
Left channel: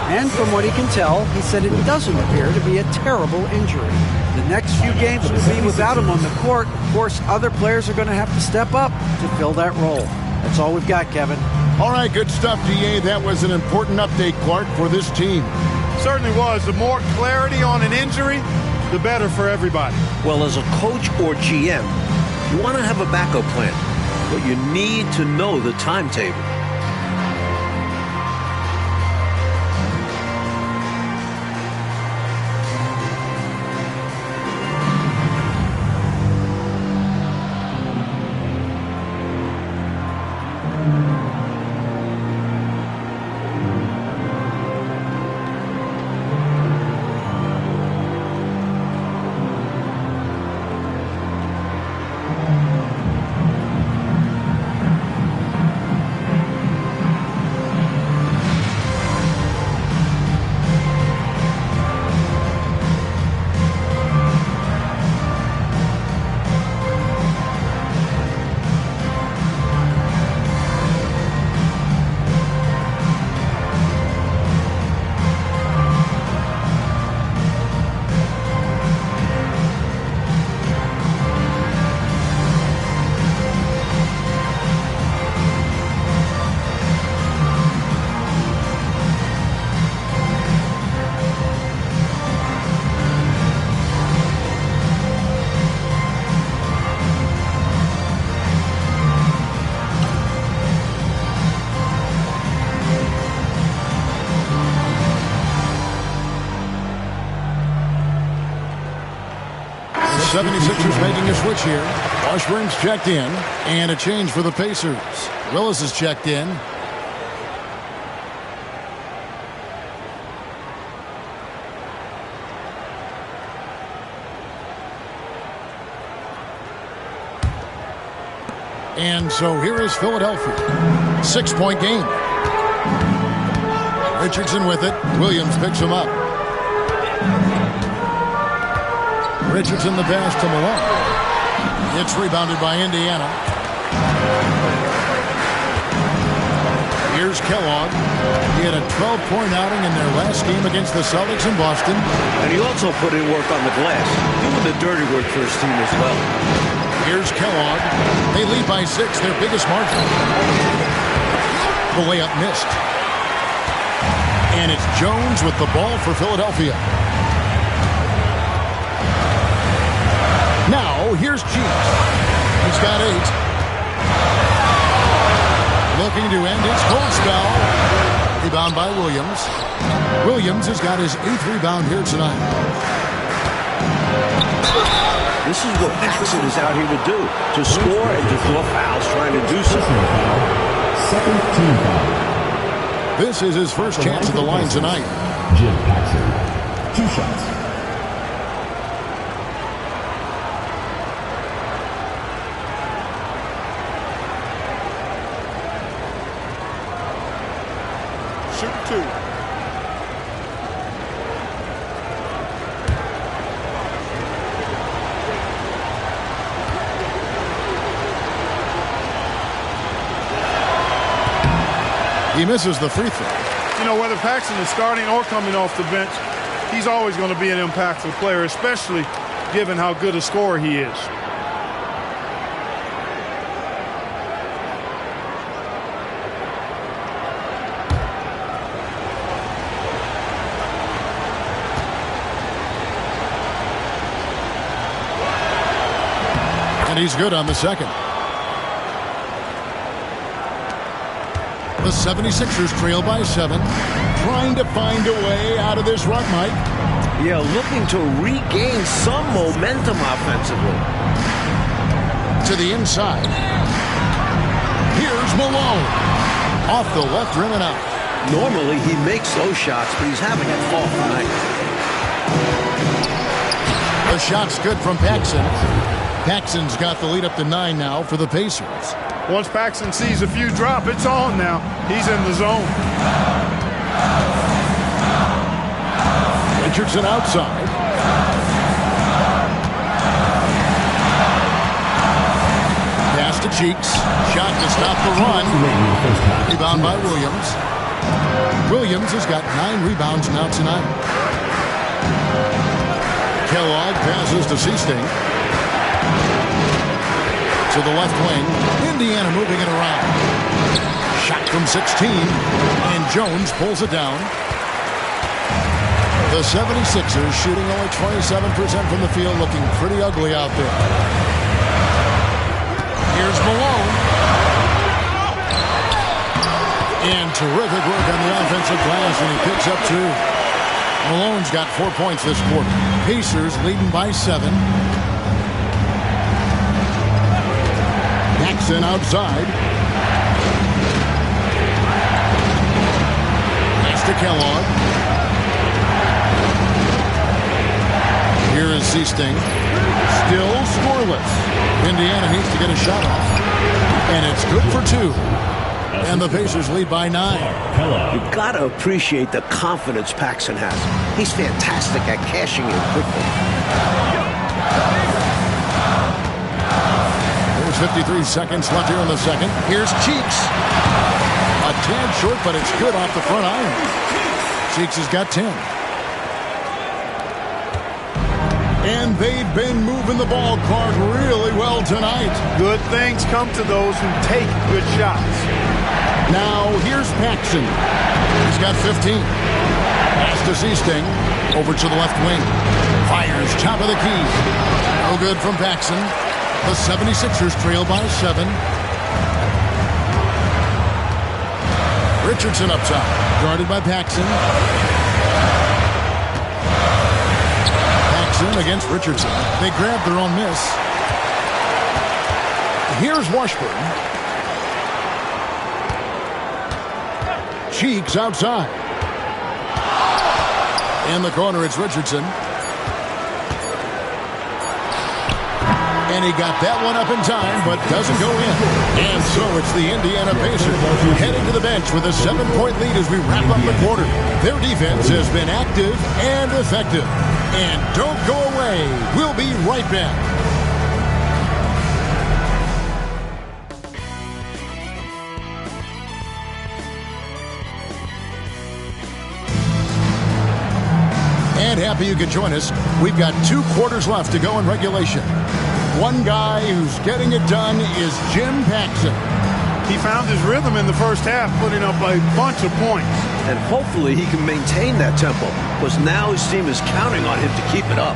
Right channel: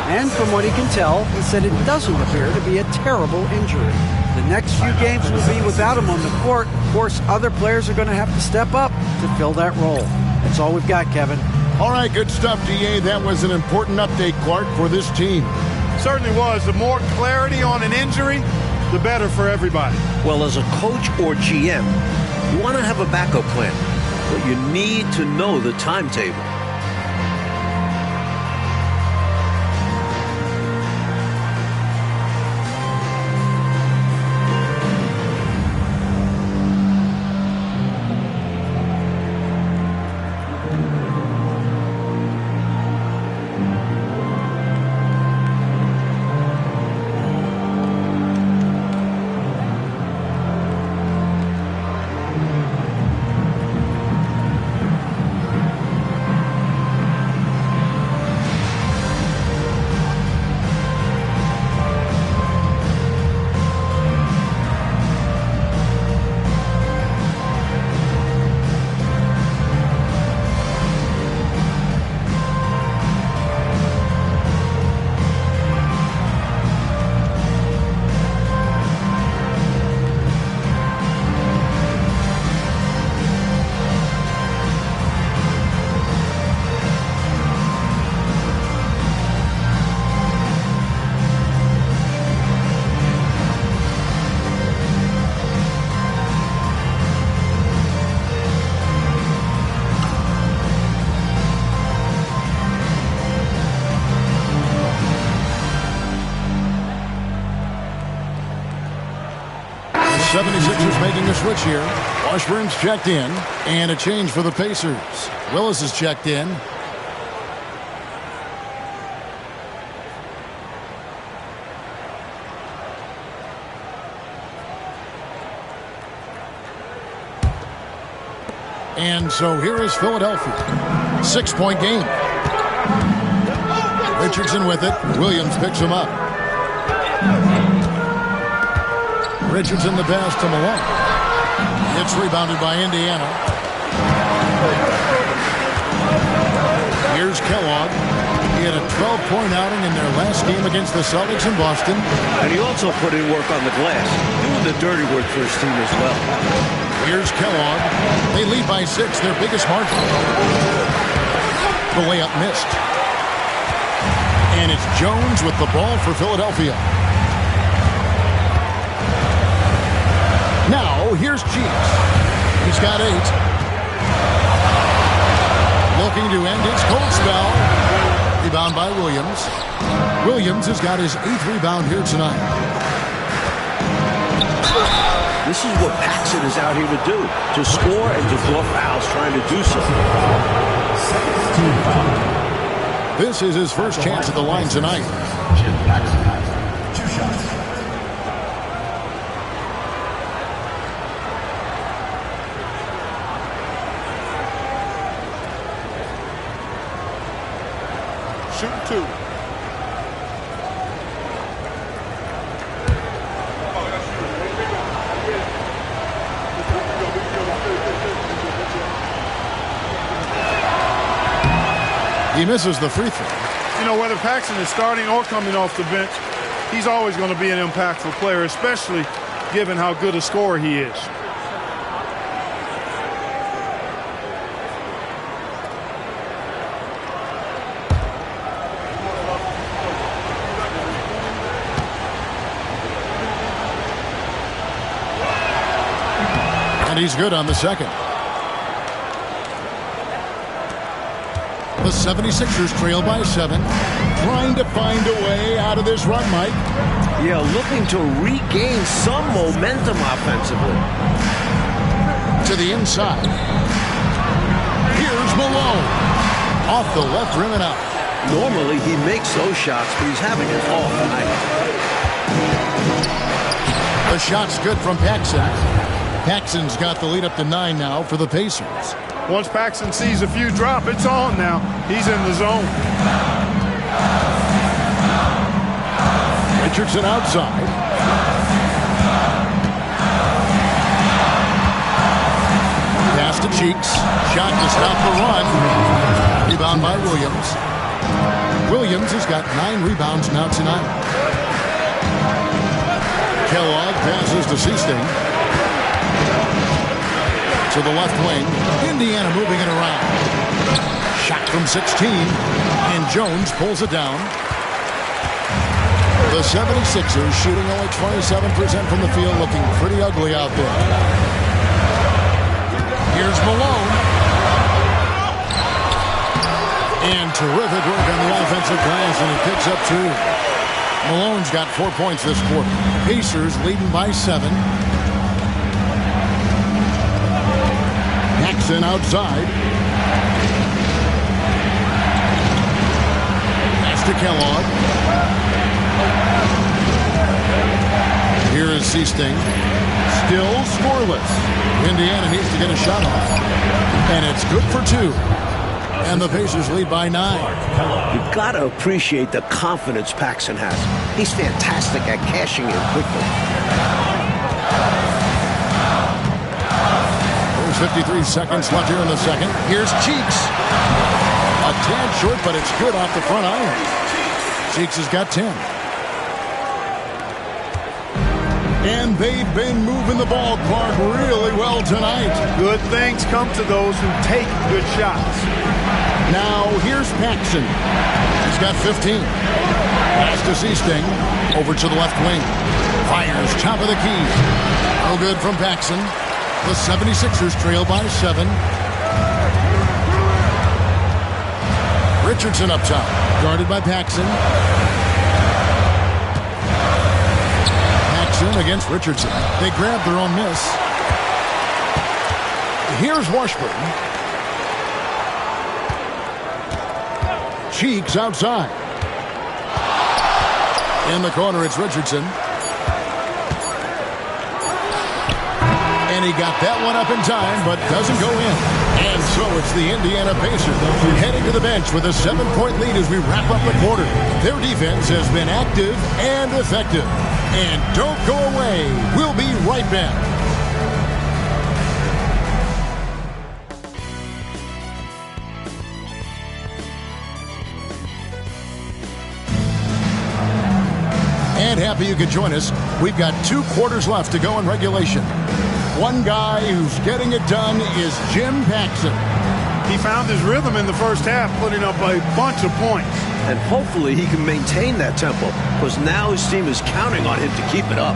And from what he can tell, he said it doesn't appear to be a terrible injury. The next few games will be without him on the court. Of course, other players are going to have to step up to fill that role. That's all we've got, Kevin. All right, good stuff, DA. That was an important update, Clark, for this team. Certainly was. The more clarity on an injury, the better for everybody. Well, as a coach or GM, you want to have a backup plan, but you need to know the timetable. The 76ers making a switch here. Washburn's checked in. And a change for the Pacers. Willis is checked in. And so here is Philadelphia. 6-point game. Richardson with it. Williams picks him up. Richardson the pass to Malone. It's rebounded by Indiana. Here's Kellogg. He had a 12-point outing in their last game against the Celtics in Boston. And he also put in work on the glass, doing the dirty work for his team as well. Here's Kellogg. They lead by 6, their biggest margin. The layup missed. And it's Jones with the ball for Philadelphia. Now, here's Cheeks. He's got 8. Looking to end his cold spell. Rebound by Williams. Williams has got his 8th rebound here tonight. This is what Paxson is out here to do, to score and to draw fouls, trying to do so. Second team foul. This is his first chance at the line tonight. Jim Paxson. 2 shots. Shooting 2. He misses the free throw. You know, whether Paxson is starting or coming off the bench, he's always going to be an impactful player, especially given how good a scorer he is. And he's good on the second. The 76ers trail by 7. Trying to find a way out of this rut, Mike. Yeah, looking to regain some momentum offensively. To the inside. Here's Malone. Off the left rim and out. Normally he makes those shots, but he's having an off night. The shot's good from Paxson. Paxson's got the lead up to 9 now for the Pacers. Once Paxson sees a few drop, it's on now. He's in the zone. Richardson outside. Pass to Cheeks. Shot to stop the run. Rebound by Williams. Williams has got 9 rebounds now tonight. Kellogg passes to Seasting. To the left wing. Indiana moving it around. Shot from 16. And Jones pulls it down. The 76ers shooting only 27% from the field, looking pretty ugly out there. Here's Malone. And terrific work on the offensive glass, and he picks up 2. Malone's got 4 points this quarter. Pacers leading by 7. Paxson outside. Pass to Kellogg. Here is Seasting. Still scoreless. Indiana needs to get a shot off. And it's good for 2. And the Pacers lead by 9. You've got to appreciate the confidence Paxson has. He's fantastic at cashing in quickly. There's 53 seconds left here in the second. Here's Cheeks. A tad short, but it's good off the front iron. Cheeks has got 10. And they've been moving the ball, Clark, really well tonight. Good things come to those who take good shots. Now, here's Paxson. He's got 15. Pass to Seasting. Over to the left wing. Fires top of the key. No good from Paxson. The 76ers trail by 7. Richardson up top. Guarded by Paxson. Paxson against Richardson. They grab their own miss. Here's Washburn. Cheeks outside. In the corner, it's Richardson. And he got that one up in time, but doesn't go in. And so it's the Indiana Pacers heading to the bench with a 7-point lead as we wrap up the quarter. Their defense has been active and effective. And don't go away. We'll be right back. And happy you could join us. We've got 2 quarters left to go in regulation. One guy who's getting it done is Jim Paxson. He found his rhythm in the first half, putting up a bunch of points. And hopefully he can maintain that tempo, because now his team is counting on him to keep it up.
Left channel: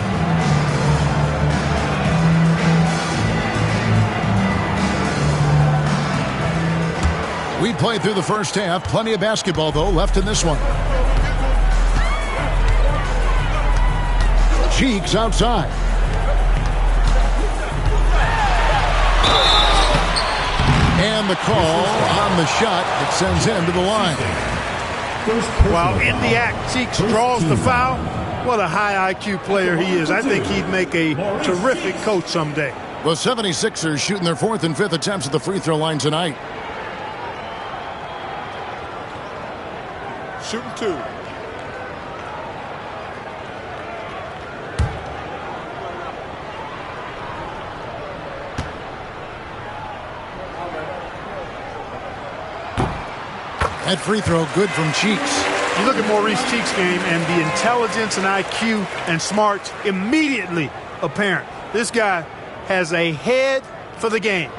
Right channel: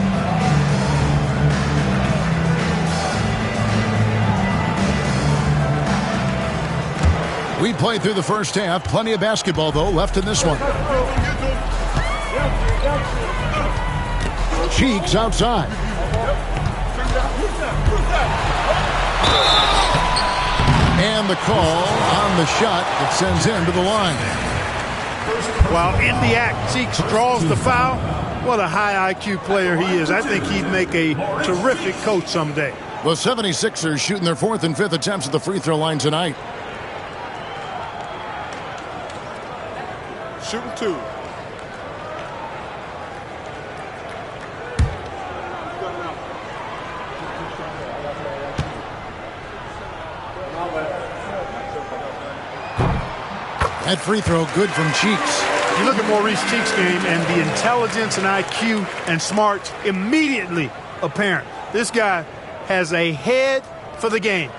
We played through the first half. Plenty of basketball, though, left in this one. Cheeks outside. And the call on the shot that sends him to the line. While in the act, Cheeks draws the foul. What a high IQ player he is. I think he'd make a terrific coach someday. The 76ers shooting their 4th and 5th attempts at the free throw line tonight. Shooting 2. That free throw good from Cheeks. You look at Maurice Cheeks' game, and the intelligence and IQ and smarts immediately apparent. This guy has a head for the game.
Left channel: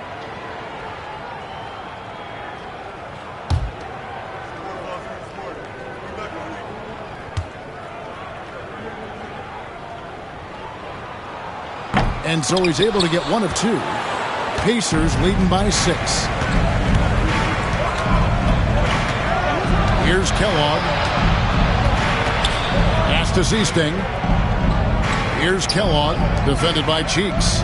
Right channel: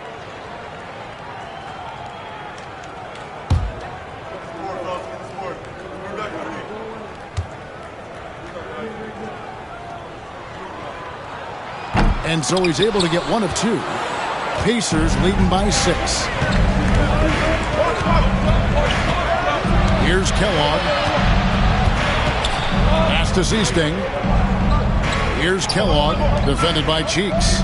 And so he's able to get 1 of 2. Pacers leading by 6. Here's Kellogg. Pass to Seasting. Here's Kellogg, defended by Cheeks.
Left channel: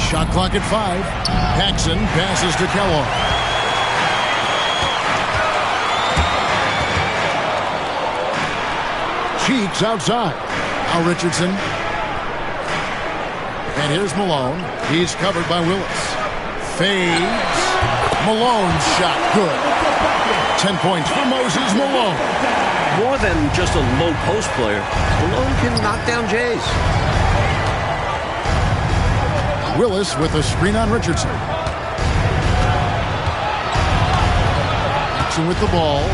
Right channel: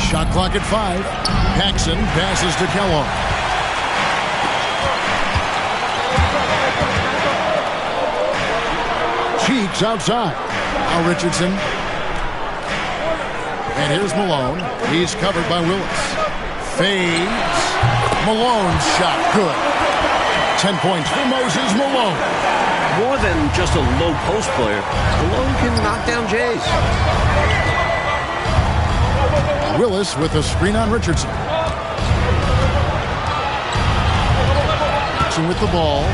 Shot clock at 5. Paxson passes to Kellogg. Cheeks outside. Now Richardson. And here's Malone. He's covered by Willis. Fades. Malone's shot good. 10 points for Moses Malone. More than just a low post player, Malone can knock down Jays. Willis with a screen on Richardson. Paxson with the ball.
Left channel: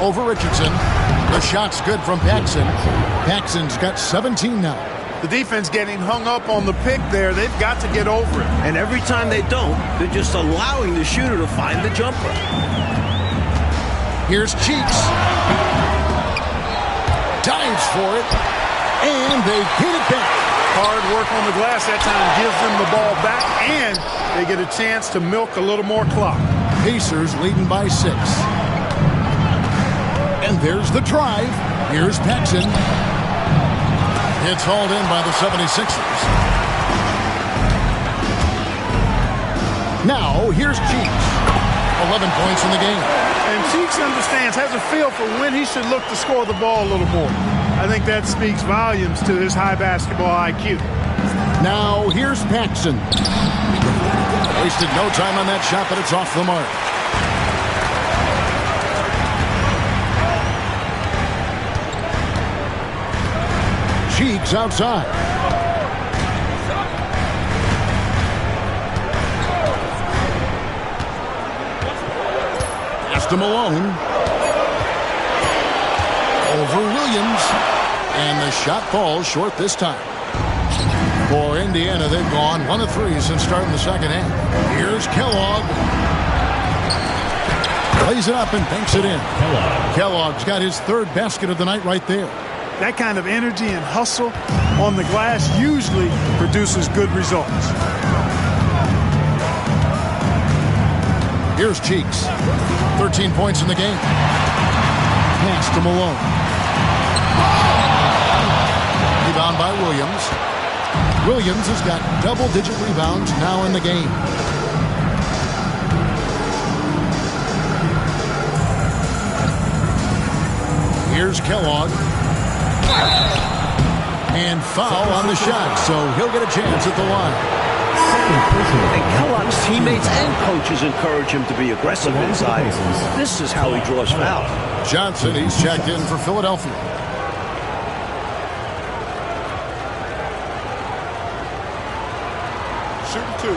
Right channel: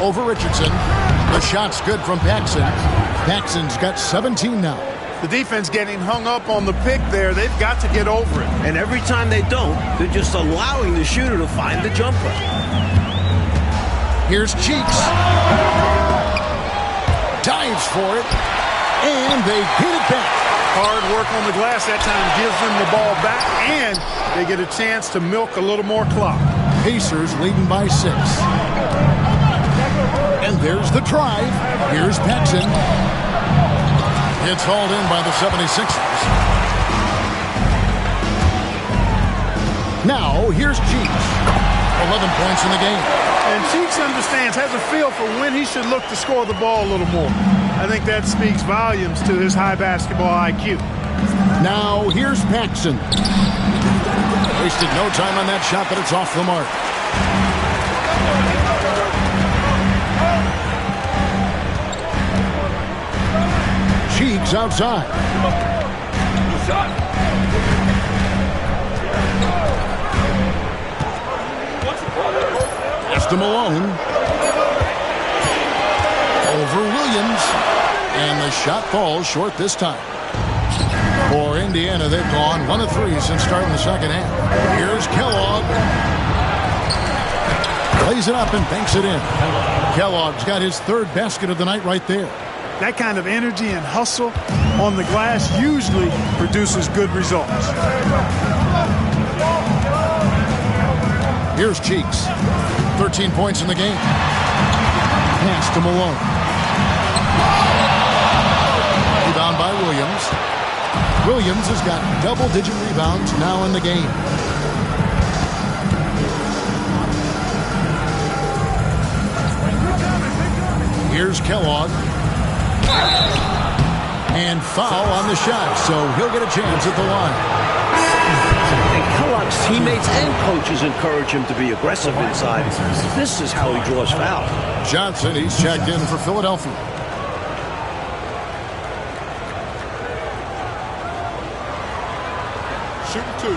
Over Richardson. The shot's good from Paxson. Paxson's got 17 now. The defense getting hung up on the pick there. They've got to get over it. And every time they don't, they're just allowing the shooter to find the jumper. Here's Cheeks. Dives for it. And they get it back. Hard work on the glass that time gives them the ball back, and they get a chance to milk a little more clock. Pacers leading by 6. And there's the drive. Here's Paxson. It's hauled in by the 76ers. Now, here's Cheeks. 11 points in the game. And Cheeks understands, has a feel for when he should look to score the ball a little more. I think that speaks volumes to his high basketball IQ. Now, here's Paxson. Wasted no time on that shot, but it's off the mark. Cheeks outside. Pass to Malone. Over Williams. And the shot falls short this time. For Indiana, they've gone 1 of 3 since starting the second half. Here's Kellogg. Plays it up and banks it in. Kellogg's got his 3rd basket of the night right there. That kind of energy and hustle on the glass usually produces good results. Here's Cheeks. 13 points in the game. Pass to Malone. Rebound by Williams. Williams has got double-digit rebounds now in the game. Here's Kellogg. And foul on the shot, so he'll get a chance at the line. And Kellogg's teammates and coaches encourage him to be aggressive inside. This is how he draws fouls. Johnson, he's checked in for Philadelphia. Shooting 2.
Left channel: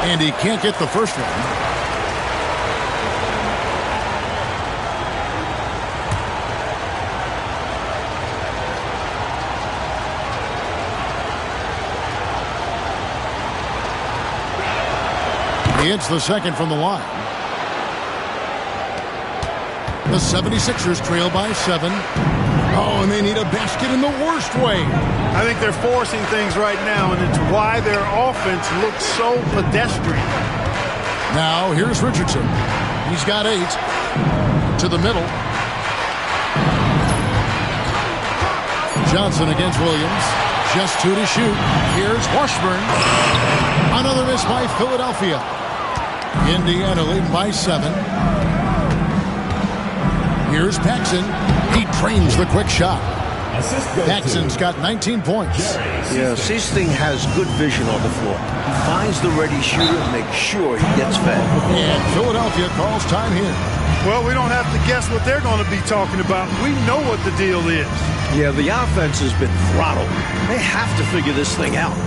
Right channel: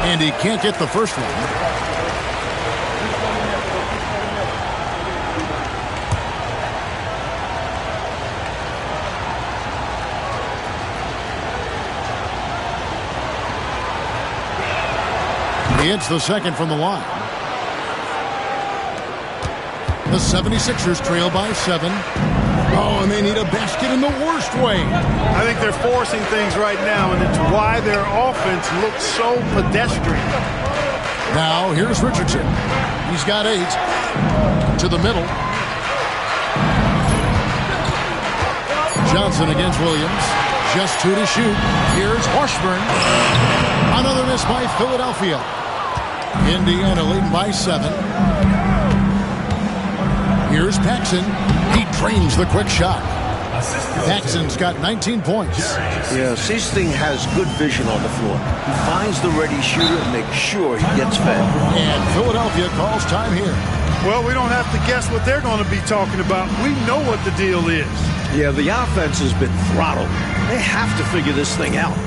And he can't get the first one. He hits the second from the line. The 76ers trail by 7. Oh, and they need a basket in the worst way. I think they're forcing things right now, and it's why their offense looks so pedestrian. Now, here's Richardson. He's got 8. To the middle. Johnson against Williams. Just 2 to shoot. Here's Washburn. Another miss by Philadelphia. Indiana leading by 7. Here's Paxson. He drains the quick shot. Paxson's got 19 points. Yeah, Siesting has good vision on the floor. He finds the ready shooter and makes sure he gets fed. And Philadelphia calls time here. Well, we don't have to guess what they're going to be talking about. We know what the deal is. Yeah, the offense has been throttled. They have to figure this thing out.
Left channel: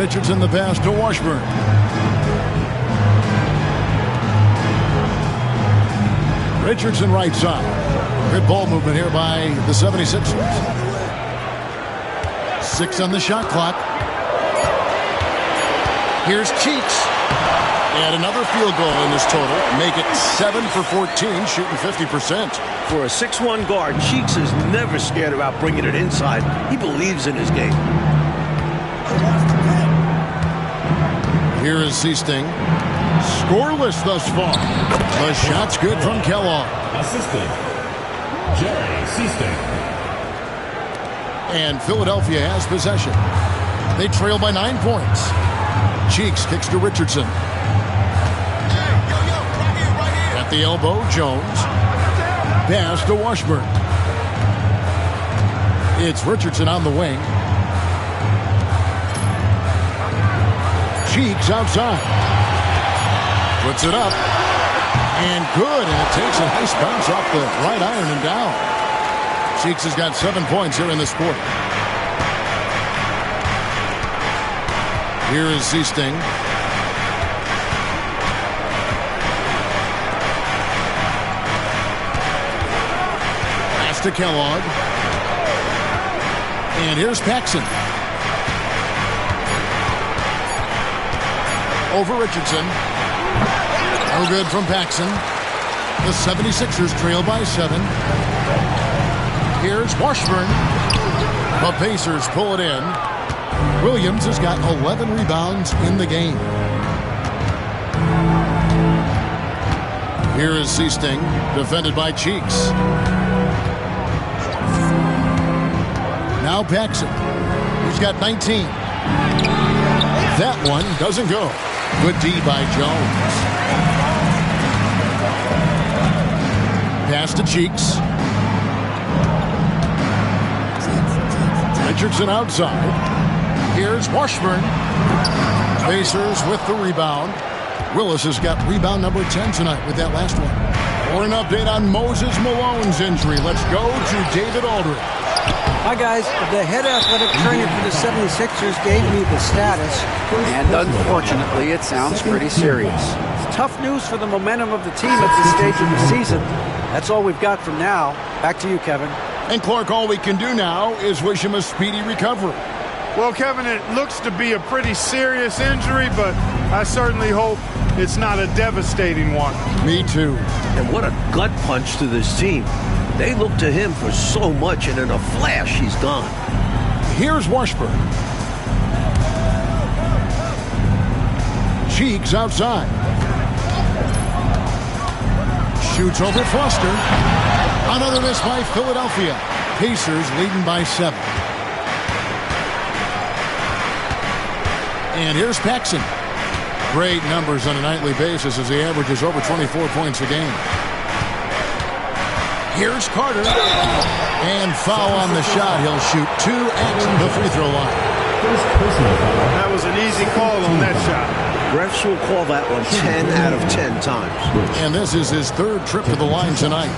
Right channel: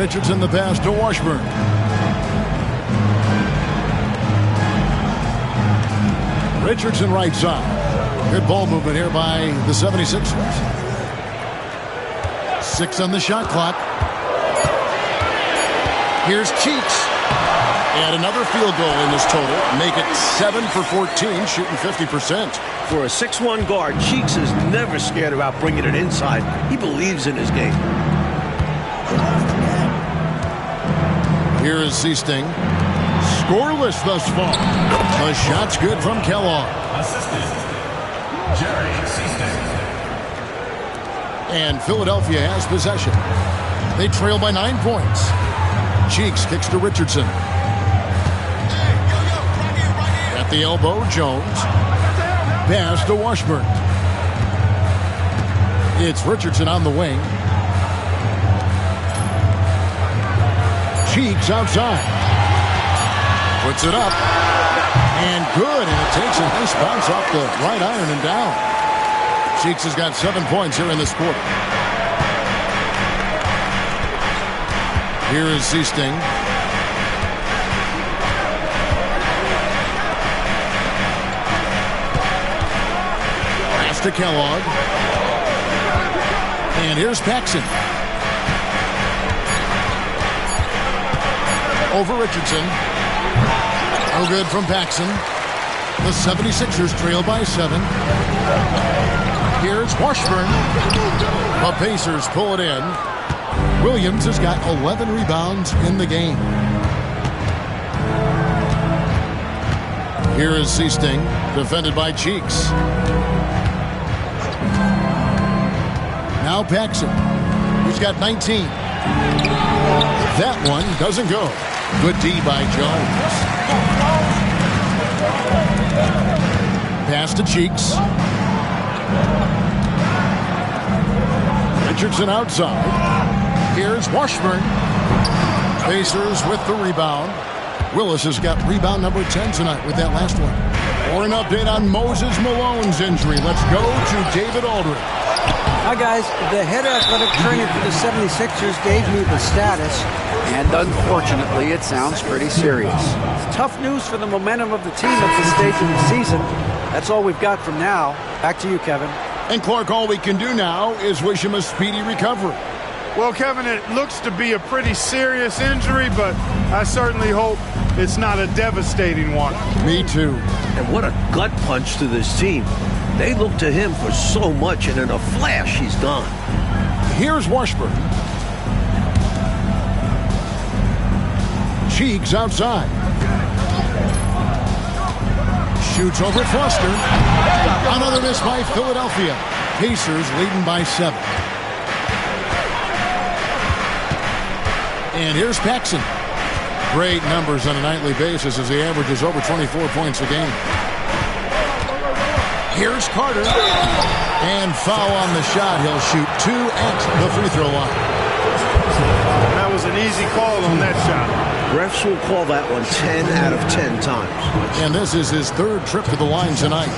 Richardson the pass to Washburn. Richardson right side. Good ball movement here by the 76ers. 6 on the shot clock. Here's Cheeks. And another field goal in this total. Make it 7 for 14, shooting 50%. For a 6'1 guard, Cheeks is never scared about bringing it inside. He believes in his game. Here is Siesting. Scoreless thus far. The shot's good from Kellogg. Assistant, Jerry Siesting. And Philadelphia has possession. They trail by 9 points. Cheeks kicks to Richardson. At the elbow, Jones. Pass to Washburn. It's Richardson on the wing. Cheeks outside. Puts it up. And good, and it takes a nice bounce off the right iron and down. Cheeks has got 7 points here in this quarter. Here is Seasting. Pass to Kellogg. And here's Paxson. Over Richardson. No good from Paxson. The 76ers trail by 7. Here's Washburn. The Pacers pull it in. Williams has got 11 rebounds in the game. Here is Seasting, defended by Cheeks. Now Paxson. He's got 19. That one doesn't go. Good D by Jones. Pass to Cheeks. Richardson outside. Here's Washburn. Pacers with the rebound. Willis has got rebound number 10 tonight with that last one. For an update on Moses Malone's injury, let's go to David Aldridge. Hi, guys. The head athletic trainer for the 76ers gave me the status, and unfortunately, it sounds pretty serious. It's tough news for the momentum of the team at this stage of the season. That's all we've got from now. Back to you, Kevin. And Clark, all we can do now is wish him a speedy recovery. Well, Kevin, it looks to be a pretty serious injury, but I certainly hope it's not a devastating one. Me too. And what a gut punch to this team. They look to him for so much, and in a flash, he's gone. Here's Washburn. Cheeks outside. Shoots over Foster. Another miss by Philadelphia. Pacers leading by 7. And here's Paxson. Great numbers on a nightly basis as he averages over 24 points a game. Here's Carter. And foul on the shot. He'll shoot 2 at the free throw line. That was an easy call on that shot. Refs will call that one 10 out of 10 times. And this is his 3rd trip to the line tonight.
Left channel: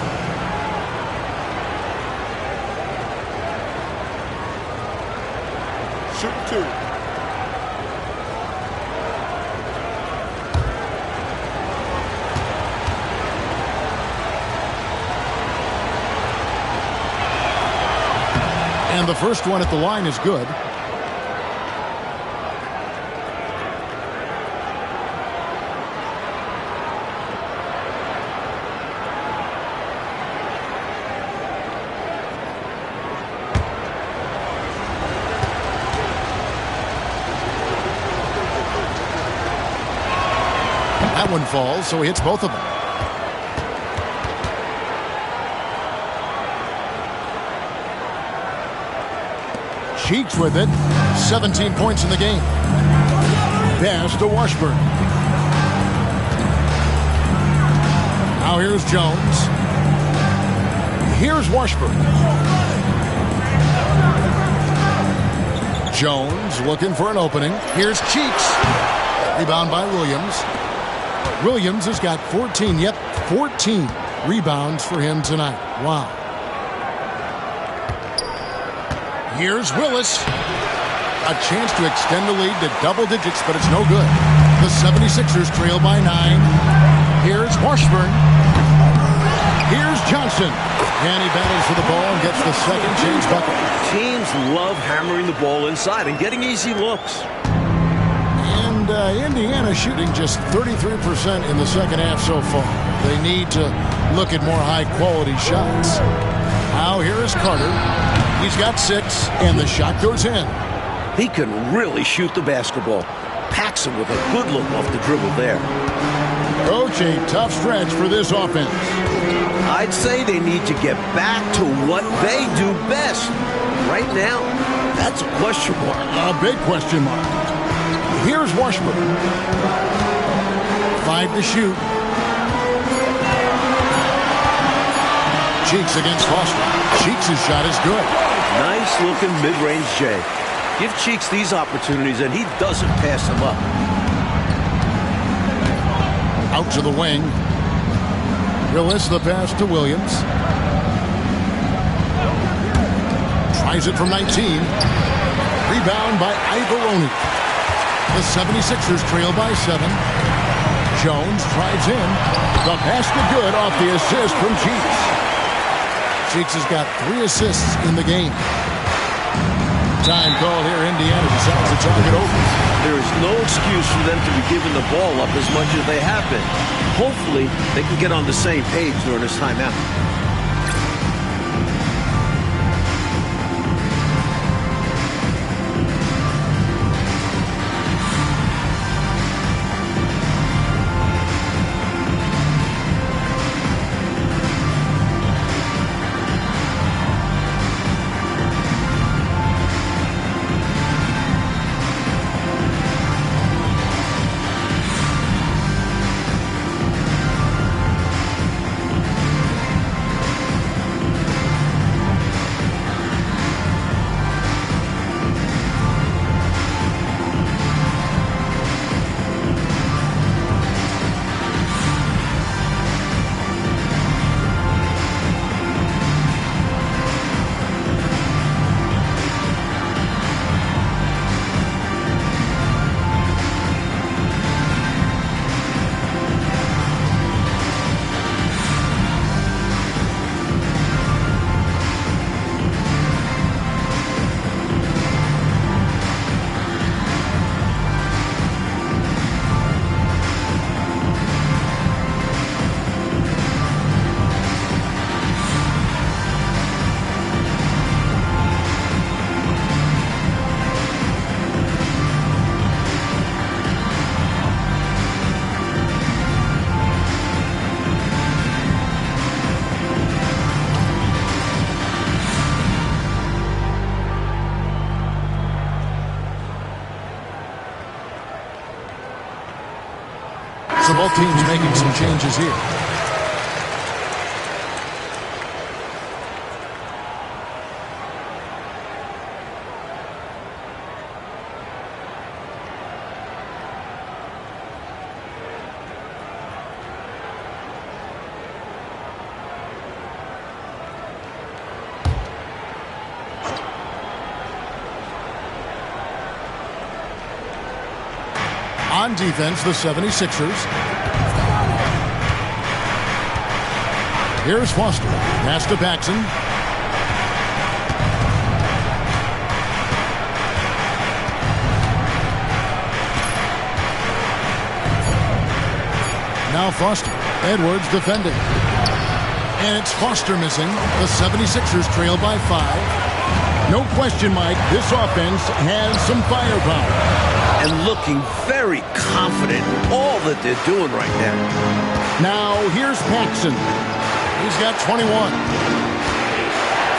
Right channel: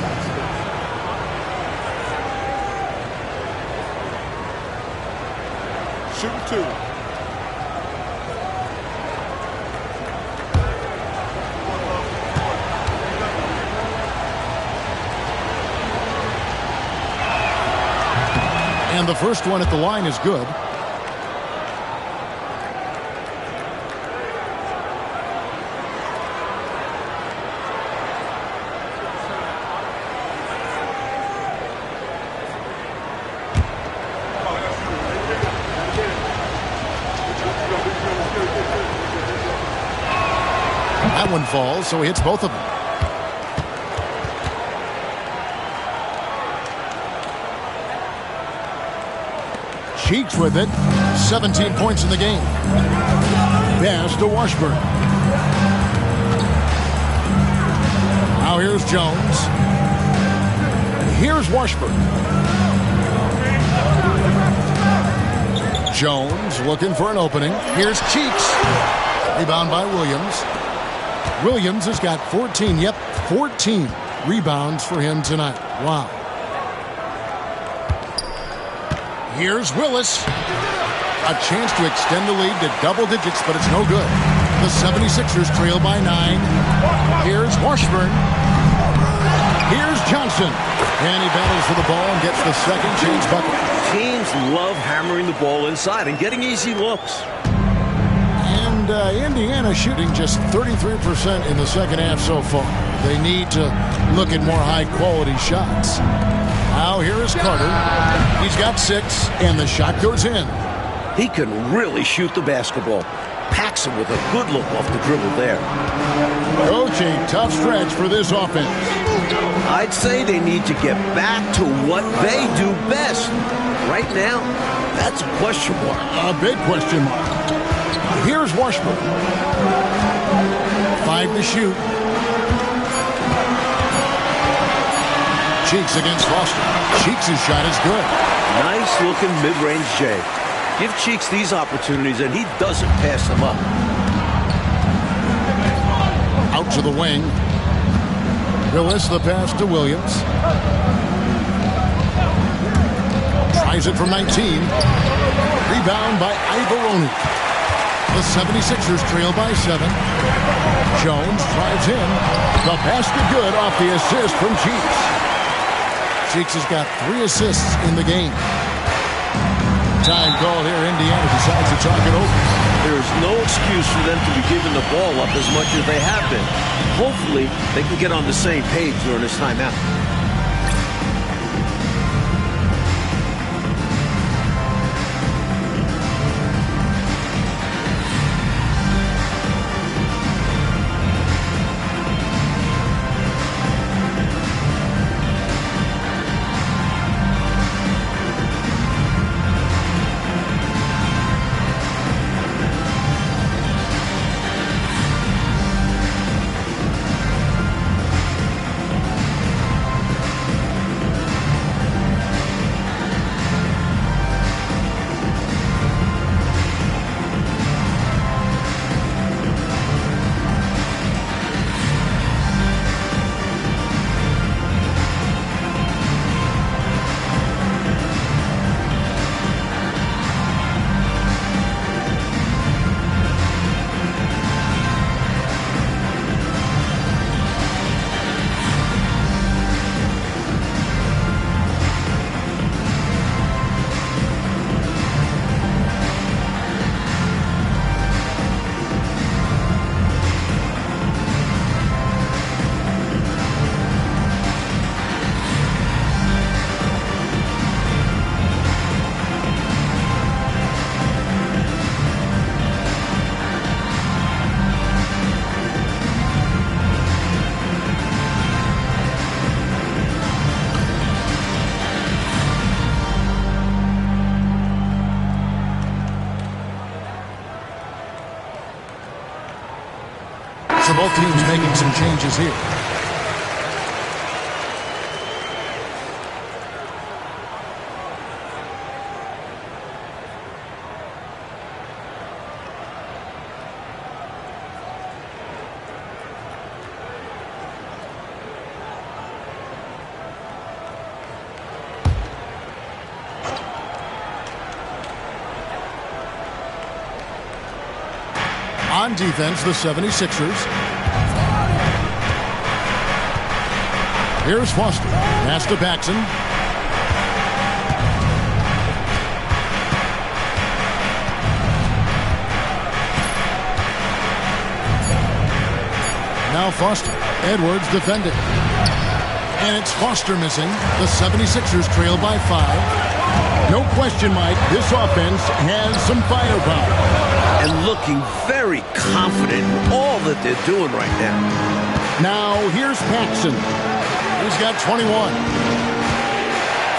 Shooting 2. And the first one at the line is good. That one falls, so he hits both of them. Cheeks with it. 17 points in the game. Pass to Washburn. Now here's Jones. Here's Washburn. Jones looking for an opening. Here's Cheeks. Rebound by Williams. Williams has got 14. Yep, 14 rebounds for him tonight. Wow. Here's Willis. A chance to extend the lead to double digits, but it's no good. The 76ers trail by 9. Here's Washburn. Here's Johnson. And he battles for the ball and gets the second chance bucket. Teams love hammering the ball inside and getting easy looks. And Indiana shooting just 33% in the second half so far. They need to look at more high-quality shots. Now here is Carter. He's got 6, and the shot goes in. He can really shoot the basketball. Paxson with a good look off the dribble there. Coach, a tough stretch for this offense. I'd say they need to get back to what they do best. Right now, that's a question mark. A big question mark. Here's Washburn. 5 to shoot. Cheeks against Foster. Cheeks' shot is good. Nice looking mid-range J. Give Cheeks these opportunities and he doesn't pass them up. Out to the wing. Willis the pass to Williams. Tries it from 19. Rebound by Ivaroni. The 76ers trail by 7. Jones drives in. The basket good off the assist from Cheeks. Cheeks has got 3 assists in the game. Time call here. Indiana decides to talk it over. There is no excuse for them to be giving the ball up as much as they have been. Hopefully, they can get on the same page during this timeout. So both teams making some changes here. On defense, the 76ers. Here's Foster. Pass to Paxson. Now Foster. Edwards defending. And it's Foster missing. The 76ers trail by 5. No question, Mike, this offense has some firepower. And looking very confident in all that they're doing right now. Now, here's Paxson. He's got 21.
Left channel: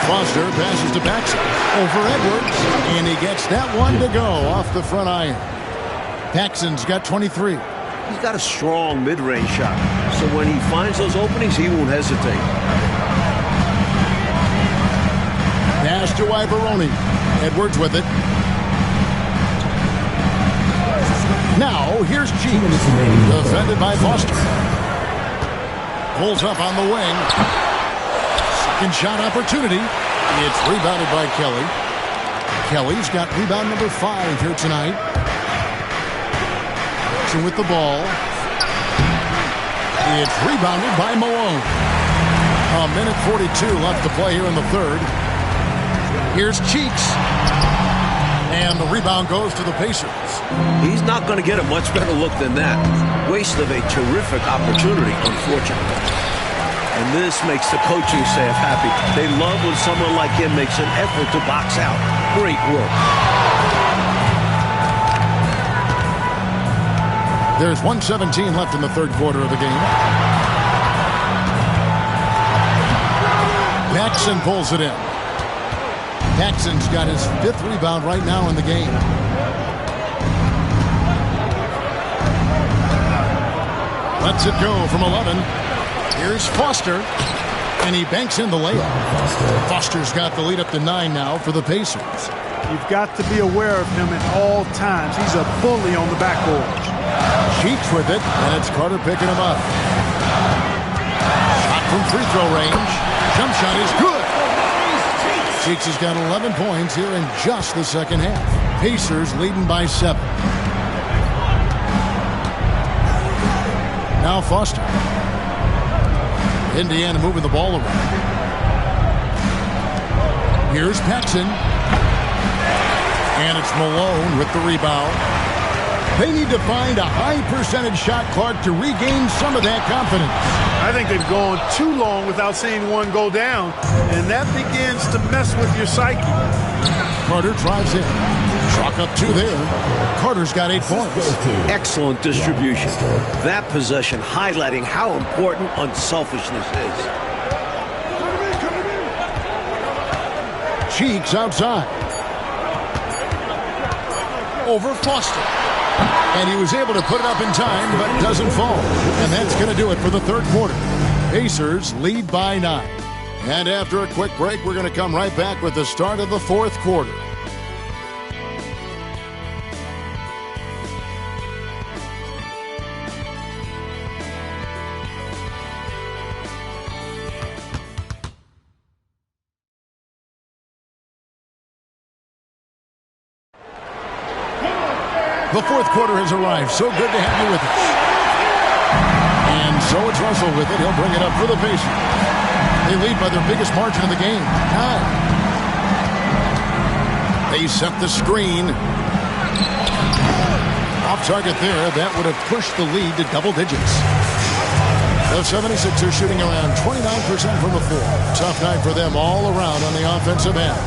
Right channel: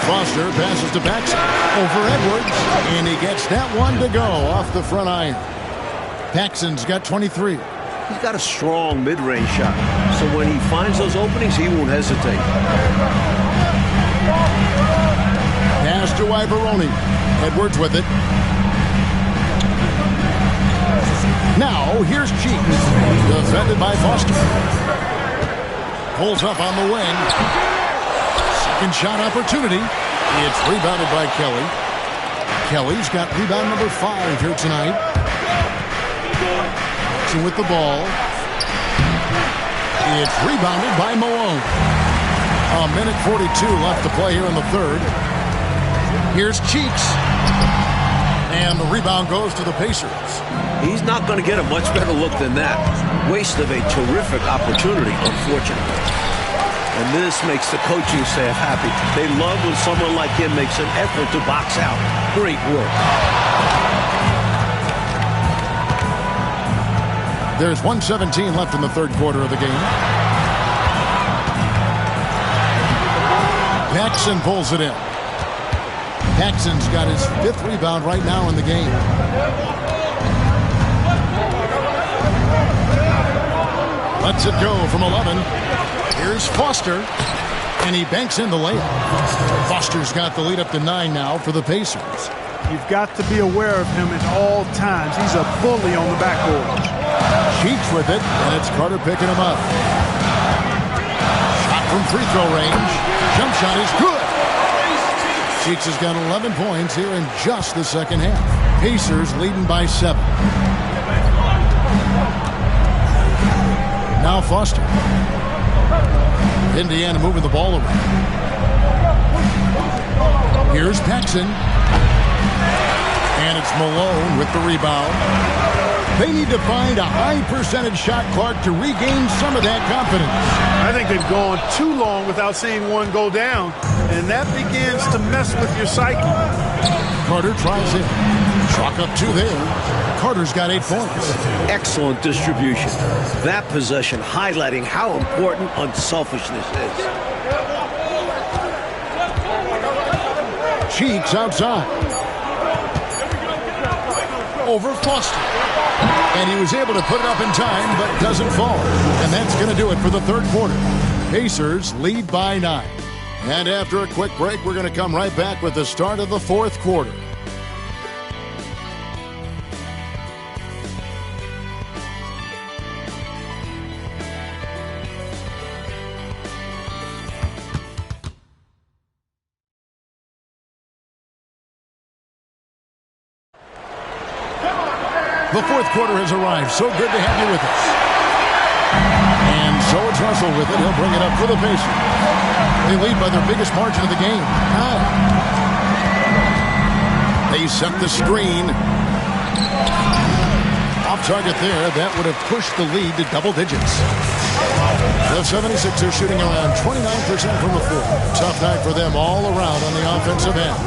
Foster passes to Paxson. Over Edwards. And he gets that one to go off the front iron. Paxson's got 23. He's got a strong mid-range shot. So when he finds those openings, he won't hesitate. Pass to Ivaroni. Edwards with it. Now, here's Cheeks. Defended by Foster. Pulls up on the wing. Second shot opportunity. It's rebounded by Kelly. Kelly's got rebound number 5 here tonight. Action with the ball. It's rebounded by Malone. 1:42 left to play here in the third. Here's Cheeks. And the rebound goes to the Pacers. He's not going to get a much better look than that. Waste of a terrific opportunity, unfortunately. And this makes the coaching staff happy. They love when someone like him makes an effort to box out. Great work. There's 1:17 left in the third quarter of the game. Paxson pulls it in. Paxson's got his 5th rebound right now in the game. Lets it go from 11. Here's Foster. And he banks in the layup. Foster's got the lead up to 9 now for the Pacers. You've got to be aware of him at all times. He's a bully on the backboard. Cheeks with it, and it's Carter picking him up. from free throw range. Jump shot is good. Cheeks has got 11 points here in just the second half. Pacers leading by 7. Now Foster. Indiana moving the ball around. Here's Paxson. And it's Malone with the rebound. They need to find a high percentage shot, Clark, to regain some of that confidence. I think they've gone too long without seeing one go down, and that begins to mess with your psyche. Carter drives in. Chalk up 2 there. Carter's got 8 points. Excellent distribution. That possession highlighting how important unselfishness is. Cheeks outside. Over Foster. And he was able to put it up in time, but doesn't fall. And that's going to do it for the third quarter. Pacers lead by 9. And after a quick break, we're going to come right back with the start of the fourth quarter. The fourth quarter has arrived. So good to have you with us. And so it's Russell with it. He'll bring it up for the Pacers. They lead by their biggest margin of the game, 9. They set the screen. Off target there. That would have pushed the lead to double digits. The 76ers shooting around 29% from the floor. Tough night for them all around on the offensive end.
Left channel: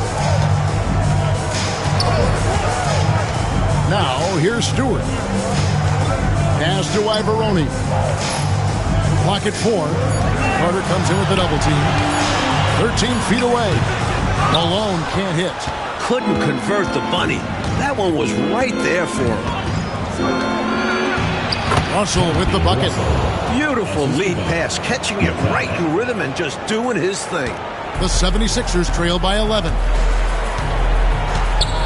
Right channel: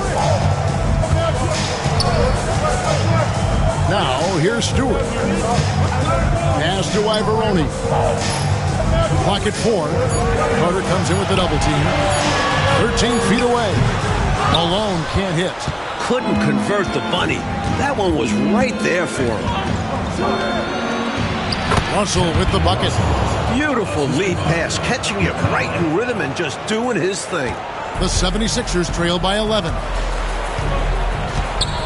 Now, here's Stewart. Pass to Ivoroni. Clock at 4. Carter comes in with the double team. 13 feet away. Malone can't hit. Couldn't convert the bunny. That one was right there for him. Russell with the bucket. Beautiful lead pass, catching it right in rhythm and just doing his thing. The 76ers trail by 11.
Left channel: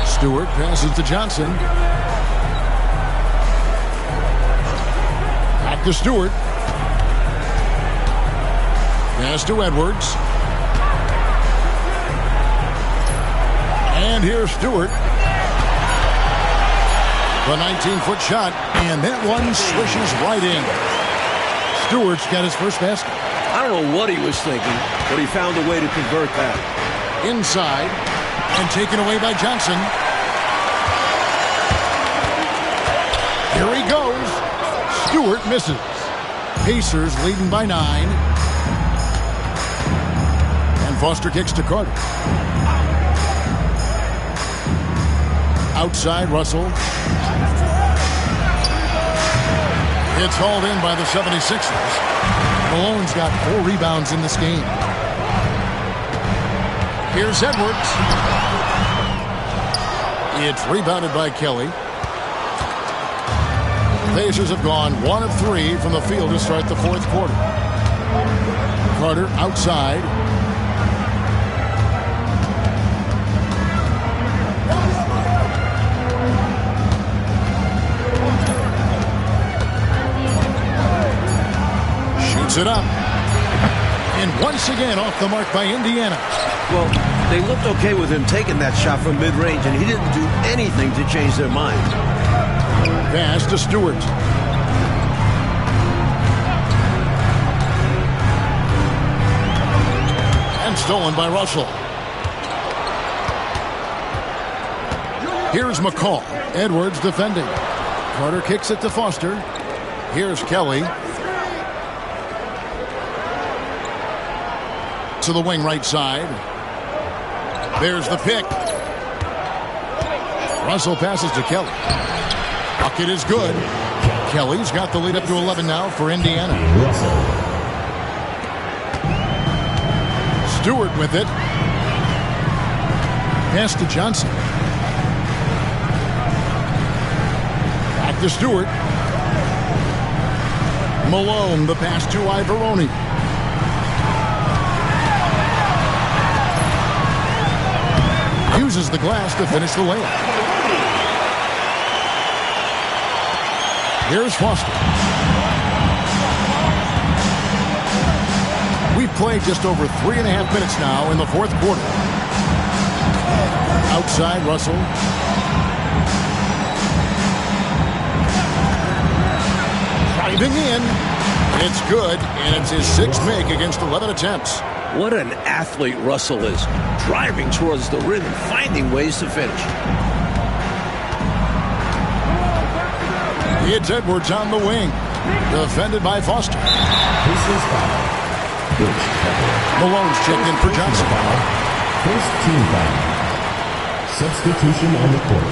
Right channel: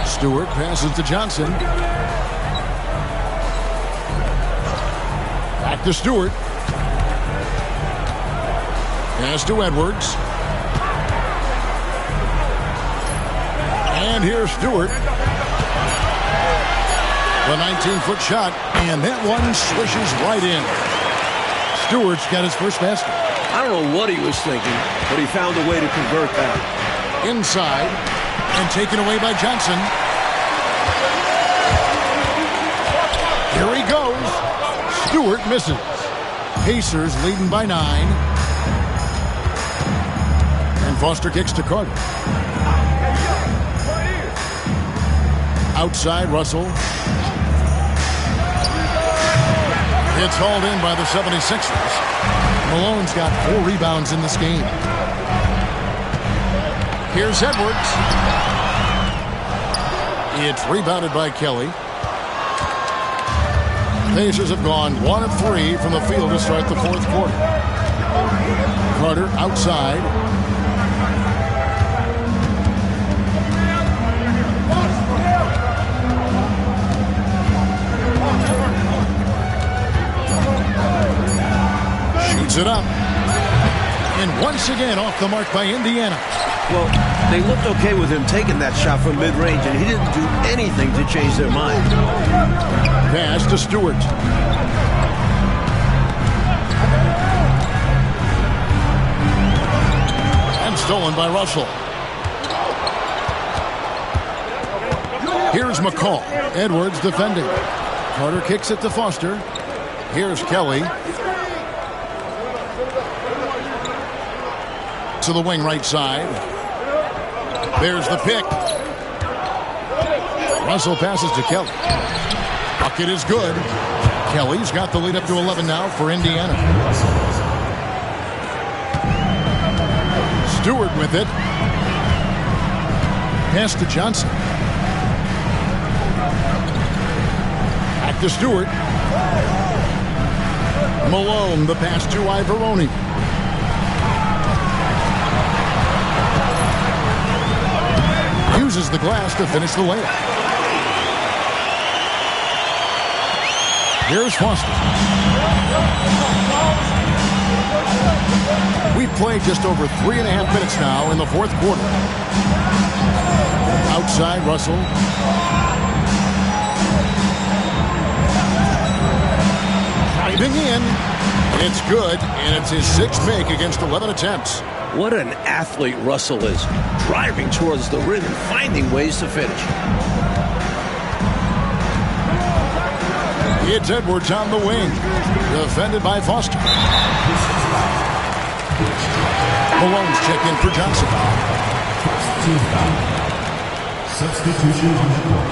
Stewart passes to Johnson. Back to Stewart. Pass to Edwards. And here's Stewart. The 19-foot shot, and that one swishes right in. Stewart's got his first basket. I don't know what he was thinking, but he found a way to convert that. Inside, and taken away by Johnson. Here he goes. Stewart misses. Pacers leading by 9. And Foster kicks to Carter. Outside, Russell. It's hauled in by the 76ers. Malone's got 4 rebounds in this game. Here's Edwards. It's rebounded by Kelly. Pacers have gone 1 of 3 from the field to start the fourth quarter. Carter outside. Shoots it up. And once again off the mark by Indiana. Well, they looked okay with him taking that shot from mid-range, and he didn't do anything to change their mind. Pass to Stewart. And stolen by Russell. Here's McCall. Edwards defending. Carter kicks it to Foster. Here's Kelly. To the wing right side. There's the pick. Russell passes to Kelly. Bucket is good. Kelly's got the lead up to 11 now for Indiana. Stewart with it. Pass to Johnson. Back to Stewart. Malone, the pass to Ivoroni. Uses the glass to finish the layup. Here's Foster. We've played just over 3.5 minutes now in the fourth quarter. Outside, Russell. Driving in. It's good, and it's his 6th make against 11 attempts. What an athlete Russell is. Driving towards the rim and finding ways to finish. It's Edwards on the wing. Defended by Foster. Malone's checked in for Johnson. First team foul. Substitution on the court.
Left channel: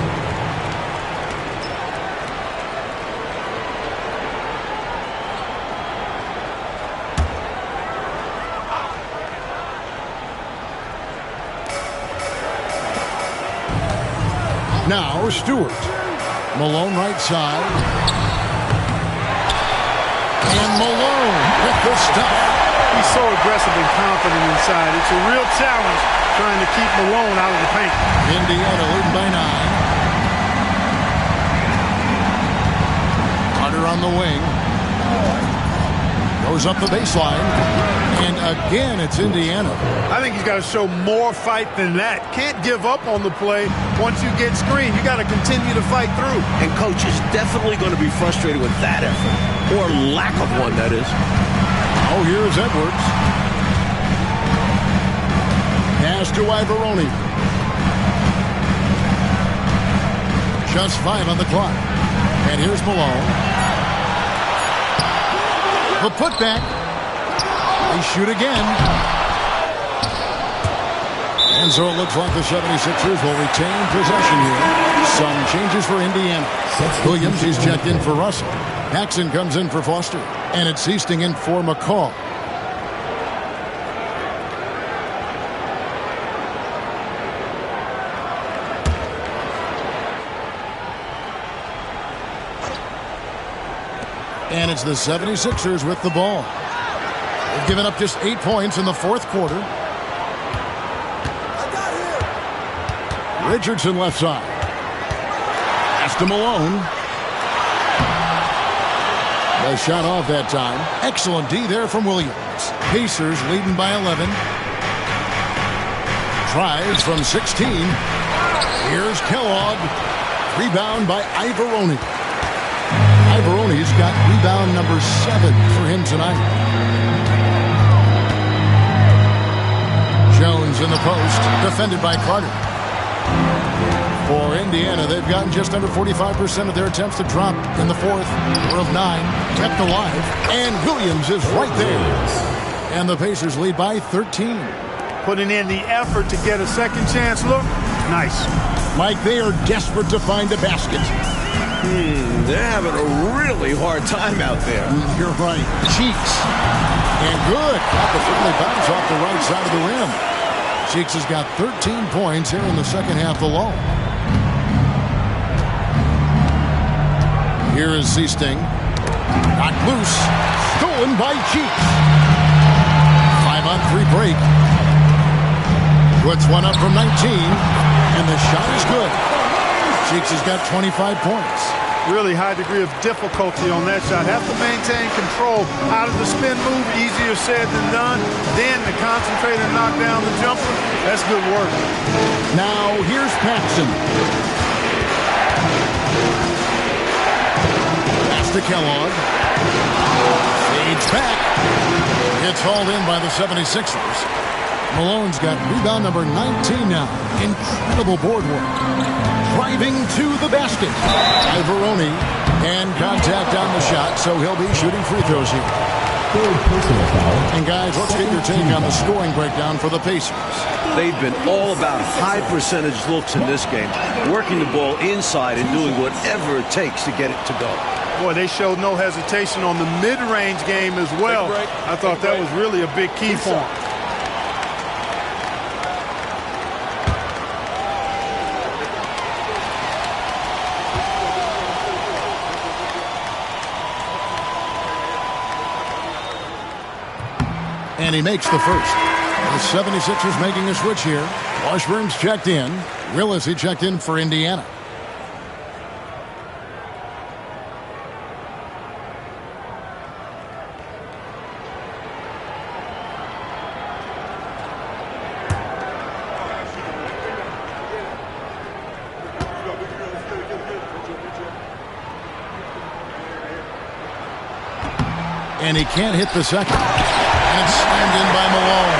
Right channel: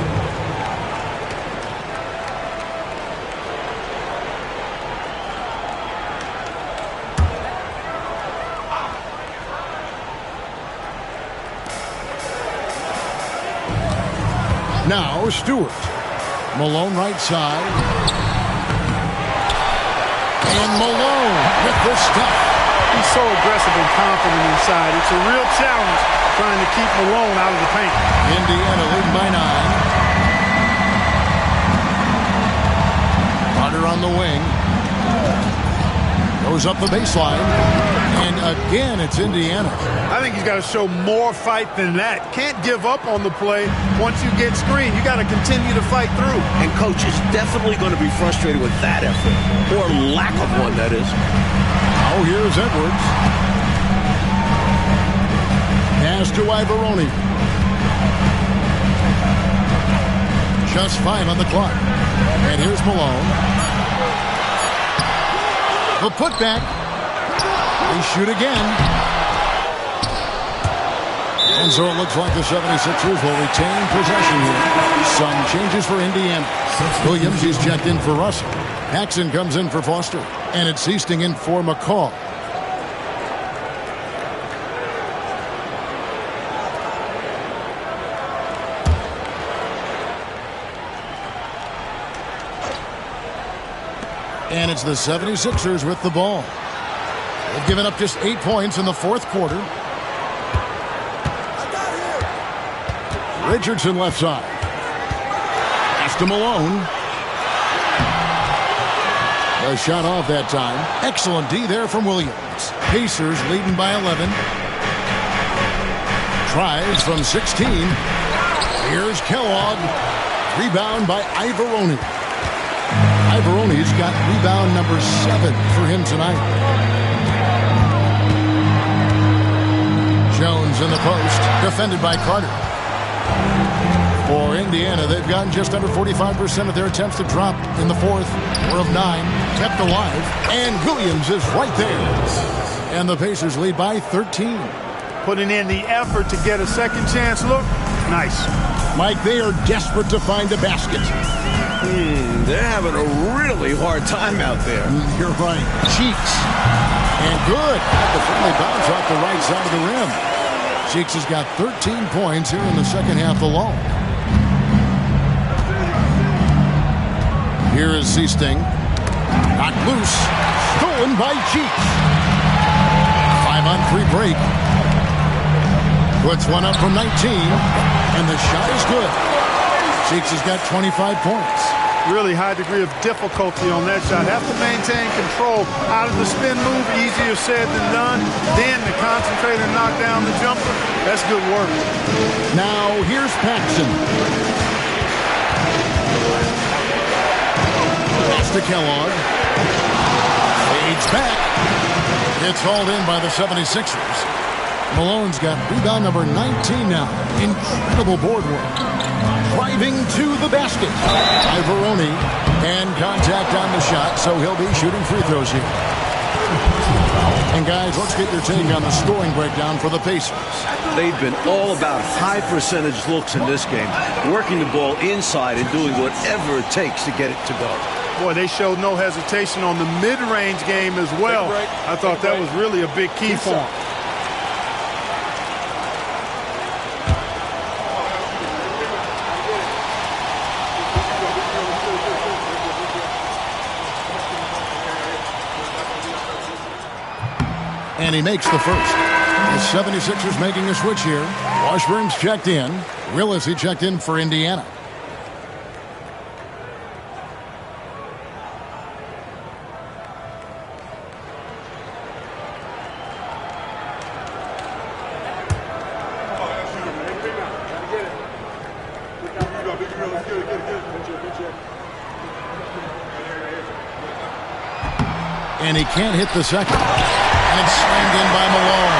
Now Stewart. Malone right side. And Malone with the stuff. He's so aggressive and confident inside. It's a real challenge trying to keep Malone out of the paint. Indiana leading by 9. Carter on the wing. Goes up the baseline. And again, it's Indiana. I think he's got to show more fight than that. Can't give up on the play once you get screened. You got to continue to fight through. And coach is definitely going to be frustrated with that effort. Or lack of one, that is. Now here's Edwards. Pass to Ivaroni. Just 5 on the clock. And here's Malone. The putback. They shoot again. And so it looks like the 76ers will retain possession here. Some changes for Indiana. Williams is checked in for Russell. Paxson comes in for Foster. And it's Easting in for McCall. And it's the 76ers with the ball. They've given up just 8 points in the fourth quarter. Richardson left side. Pass to Malone. The shot off that time. Excellent D there from Williams. Pacers leading by 11. Tries from 16. Here's Kellogg. Rebound by Ivaroni. Ivaroni's got rebound number 7 for him tonight. Jones in the post, defended by Carter. For Indiana, they've gotten just under 45% of their attempts to drop in the fourth. 4 of 9, kept alive, and Williams is right there. And the Pacers lead by 13. Putting in the effort to get a second chance look. Nice. Mike, they are desperate to find a basket. They're having a really hard time out there. You're right. Cheeks. And good. Got the friendly bounce off the right side of the rim. Cheeks has got 13 points here in the second half alone. Here is Seasting. Knocked loose. Stolen by Cheeks. 5-on-3 break. Puts one up from 19. And the shot is good. Cheeks has got 25 points. Really high degree of difficulty on that shot. Have to maintain control out of the spin move. Easier said than done. Then to concentrate and knock down the jumper. That's good work. Now here's Paxson. Pass to Kellogg. Fades back. It's hauled in by the 76ers. Malone's got rebound number 19 now. Incredible board work. Driving to the basket. Ivaroni. And contact on the shot, so he'll be shooting free throws here. And guys, let's get your take on the scoring breakdown for the Pacers. They've been all about high percentage looks in this game. Working the ball inside and doing whatever it takes to get it to go. Boy, they showed no hesitation on the mid-range game as well. I thought that was really a big key for them. And he makes the first. The 76ers making a switch here. Washburn's checked in. Willis, he checked in for Indiana. And he can't hit the second. And it's slammed in by Malone.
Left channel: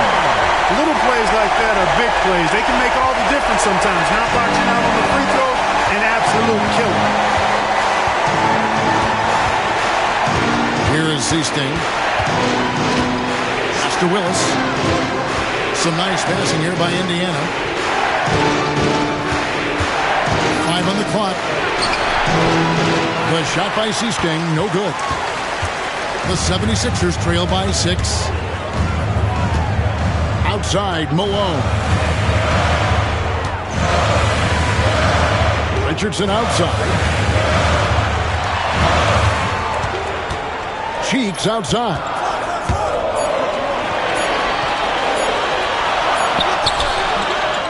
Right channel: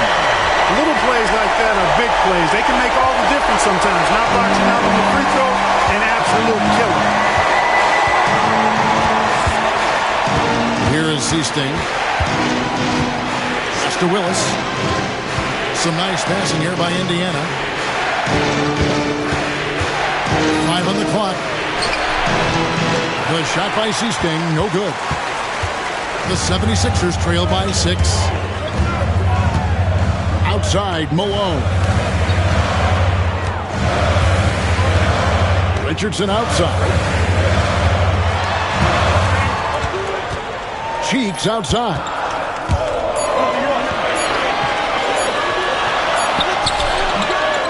Little plays like that are big plays. They can make all the difference sometimes. Not boxing out on the free throw, an absolute killer. Here is Seasting. Pass to Willis. Some nice passing here by Indiana. 5 on the clock. The shot by Seasting, no good. The 76ers trail by 6. Outside, Malone. Richardson outside. Cheeks outside.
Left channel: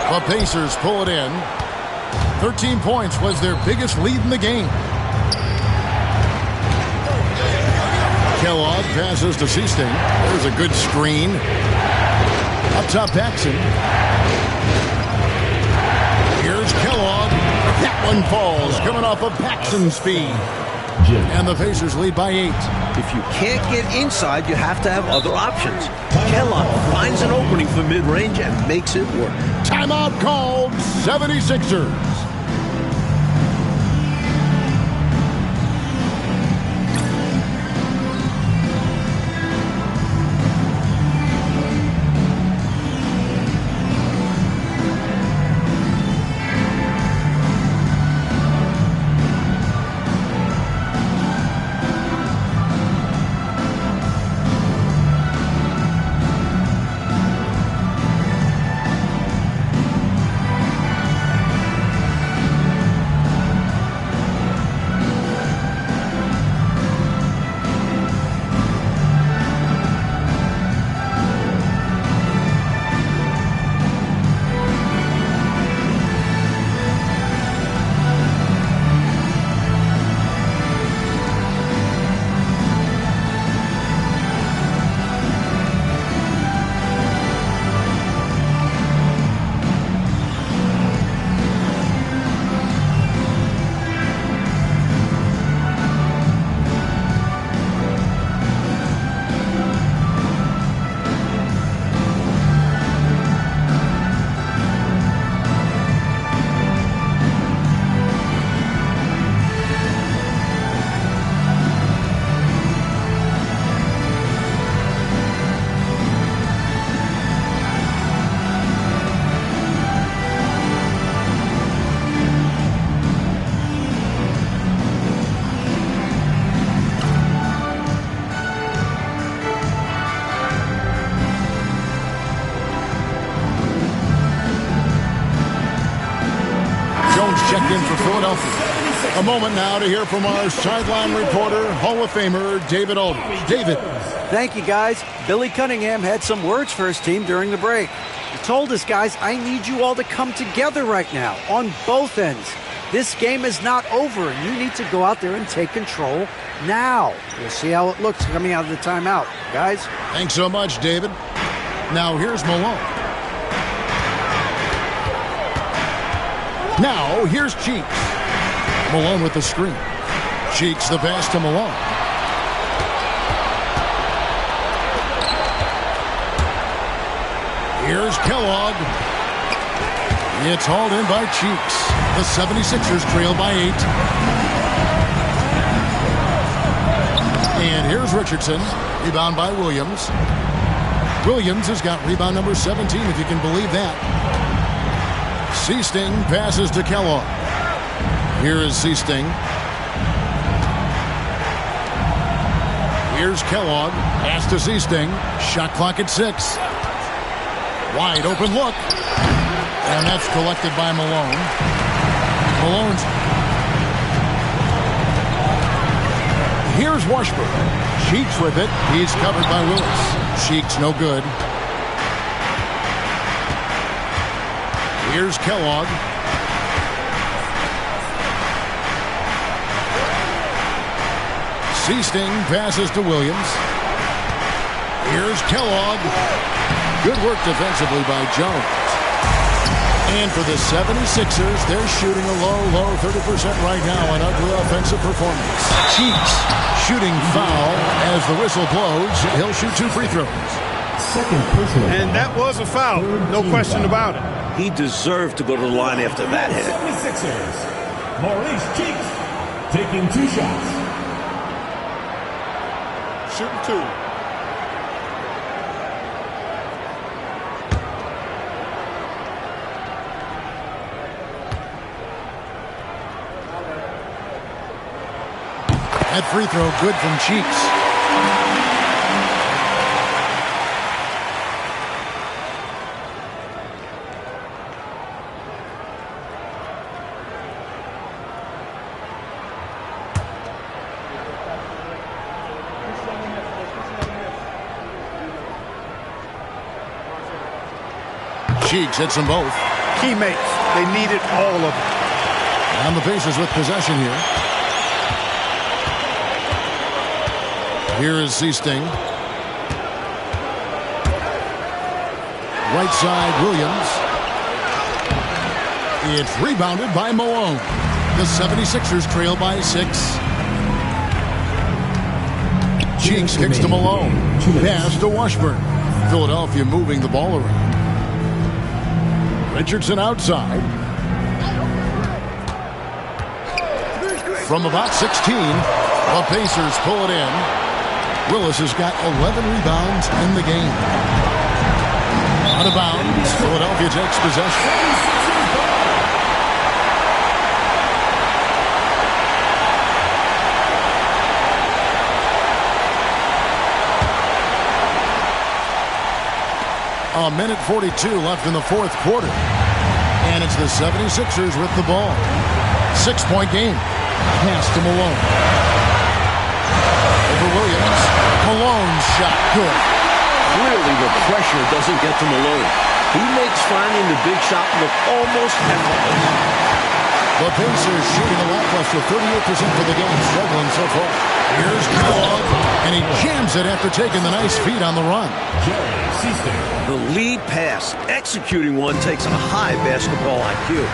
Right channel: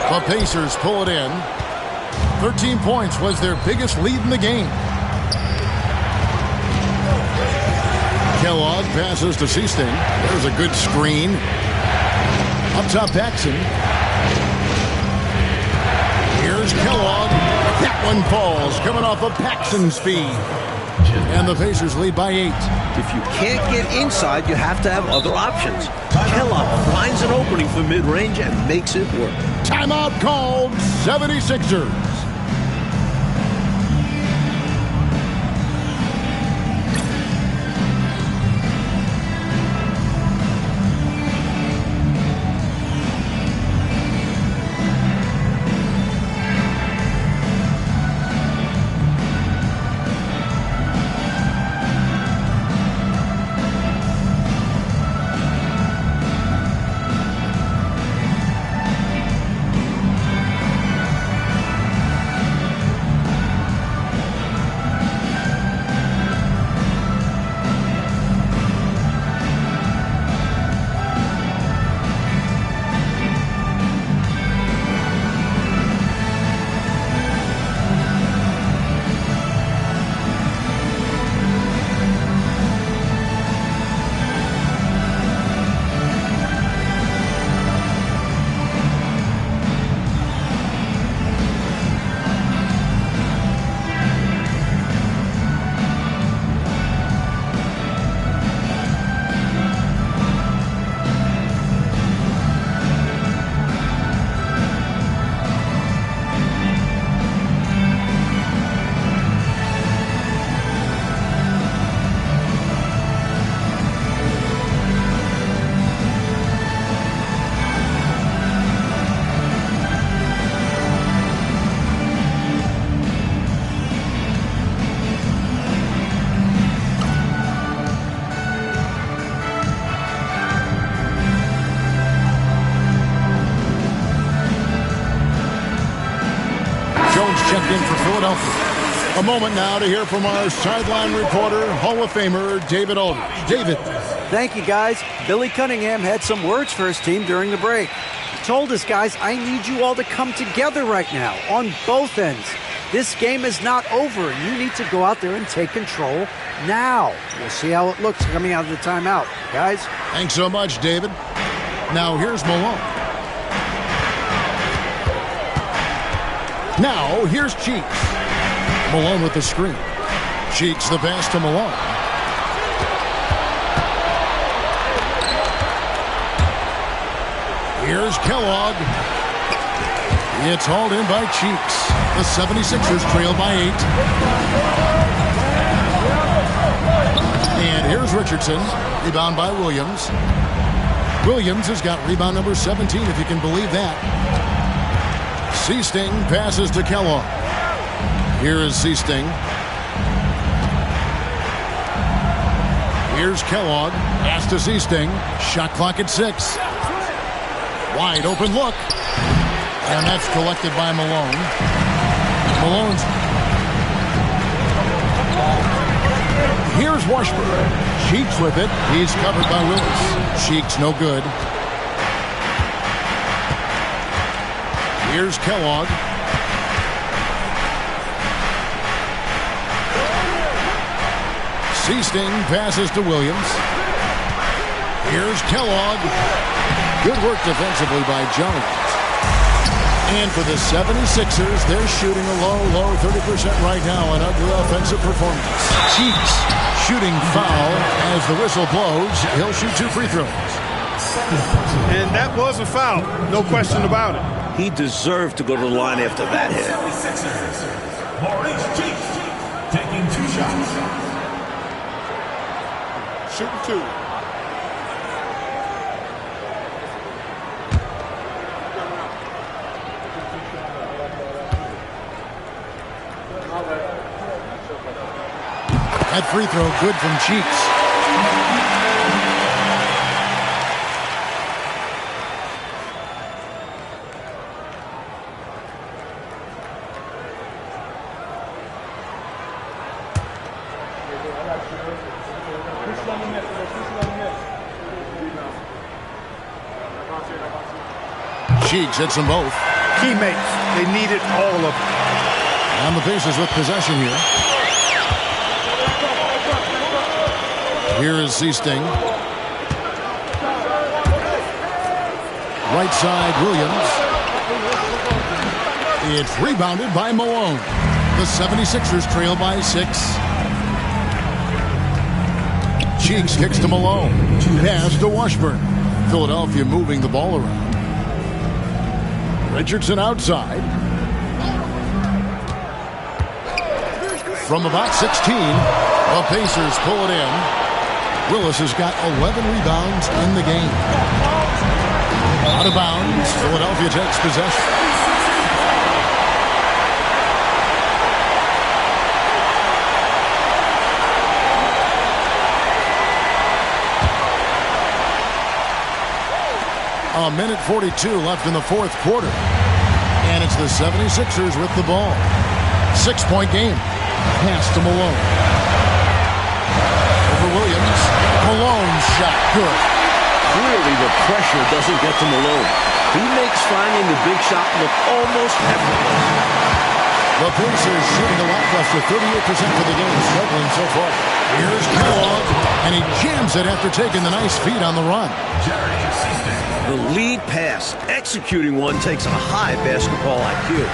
The Pacers pull it in. 13 points was their biggest lead in the game. Kellogg passes to Seasting. There's a good screen. Up top, Paxson. Here's Kellogg. That one falls, coming off of Paxson's feed. And the Pacers lead by 8. If you can't get inside, you have to have other options. Kellogg finds an opening for mid-range and makes it work. Timeout called, 76ers. Jones checked in for Philadelphia. A moment now to hear from our sideline reporter, Hall of Famer David Aldridge. David. Thank you, guys. Billy Cunningham had some words for his team during the break. He told us, guys, I need you all to come together right now on both ends. This game is not over, and you need to go out there and take control now. We'll see how it looks coming out of the timeout. Guys? Thanks so much, David. Now, here's Malone. Now, here's Cheeks. Malone with the screen. Cheeks the pass to Malone. Here's Kellogg. It's hauled in by Cheeks. The 76ers trail by 8. And here's Richardson. Rebound by Williams. Williams has got rebound number 17, if you can believe that. Seasting passes to Kellogg. Here is Seasting. Here's Kellogg. Pass to Seasting. Shot clock at 6. Wide open look. And that's collected by Malone. Malone's. Here's Washburn. Cheeks with it. He's covered by Willis. Cheeks no good. Here's Kellogg. Seasting passes to Williams. Here's Kellogg. Good work defensively by Jones. And for the 76ers, they're shooting a low 30% right now. An ugly offensive performance. Cheeks shooting foul as the whistle blows. He'll shoot 2 free throws. And that was a foul. No question about it. He deserved to go to the line after that hit. 76ers, Maurice Cheeks taking 2 shots. Shooting 2. That free throw good from Cheeks. Cheeks hits them both. Teammates, they needed all of it. And the Pacers with possession here. Here is Seasting. Right side, Williams. It's rebounded by Malone. The 76ers trail by 6. Cheeks kicks to Malone. Pass to Washburn. Philadelphia moving the ball around. Richardson outside. From about 16, the Pacers pull it in. Willis has got 11 rebounds in the game. Out of bounds, Philadelphia takes possession. A minute 42 left in the 4th quarter. And it's the 76ers with the ball. 6-point game. Pass to Malone. Over Williams. Malone's shot good. Clearly the pressure doesn't get to Malone. He makes finding the big shot look almost effortless. The Pacers shooting a lackluster 38% for the game, struggling so far. Here's Kellogg, and he jams it after taking the nice feed on the run. Jerry Seasting. The lead pass, executing one, takes a high basketball IQ.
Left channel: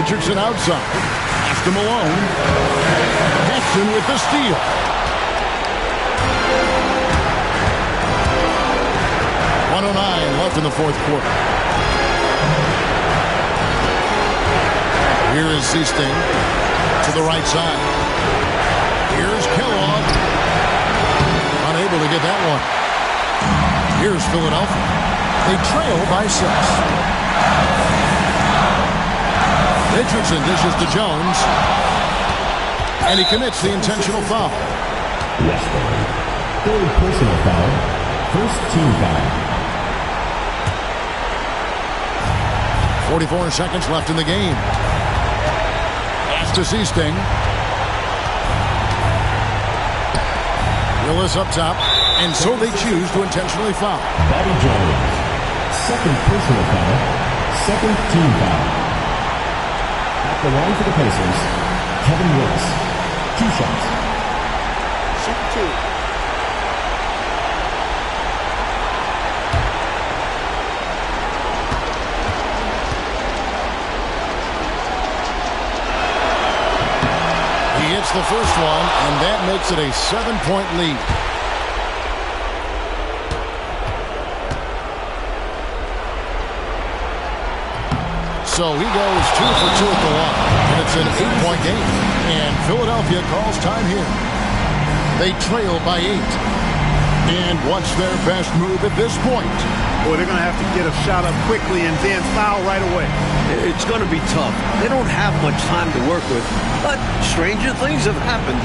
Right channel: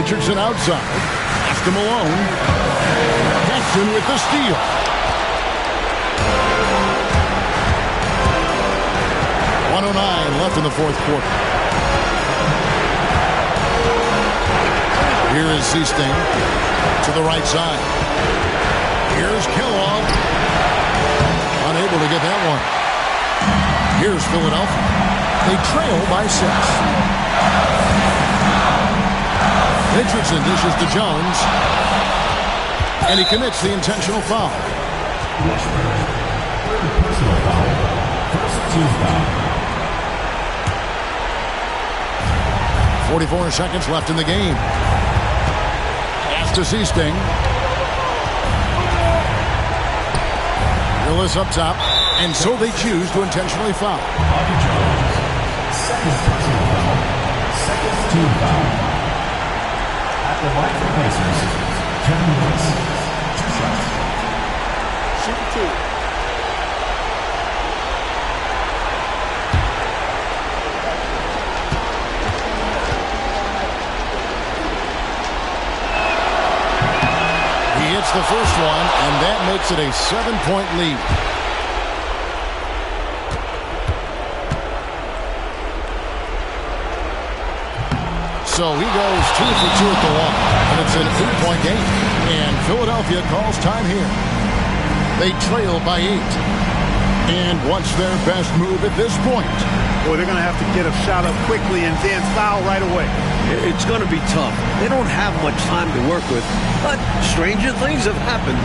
Richardson outside. Pass to Malone. Paxson with the steal. .109 left in the 4th quarter. Here is Seasting to the right side. Here's Kellogg. Unable to get that one. Here's Philadelphia. They trail by 6. Richardson dishes to Jones. And he commits the intentional foul. Washburn, 3rd personal foul, 1st team foul. 44 seconds left in the game. Pass to Seasting. Willis up top. And so they choose to intentionally foul. Bobby Jones, 2nd personal foul, 2nd team foul. At the line for the Pacers, Kevin Willis, 2 shots. Shooting 2. He hits the first one, and that makes it a 7-point lead. So he goes 2 for 2 at the line, and it's an 8-point game. And Philadelphia calls time here. They trail by 8. And what's their best move at this point? Boy, they're going to have to get a shot up quickly and then foul right away. It's going to be tough. They don't have much time to work with, but stranger things have happened.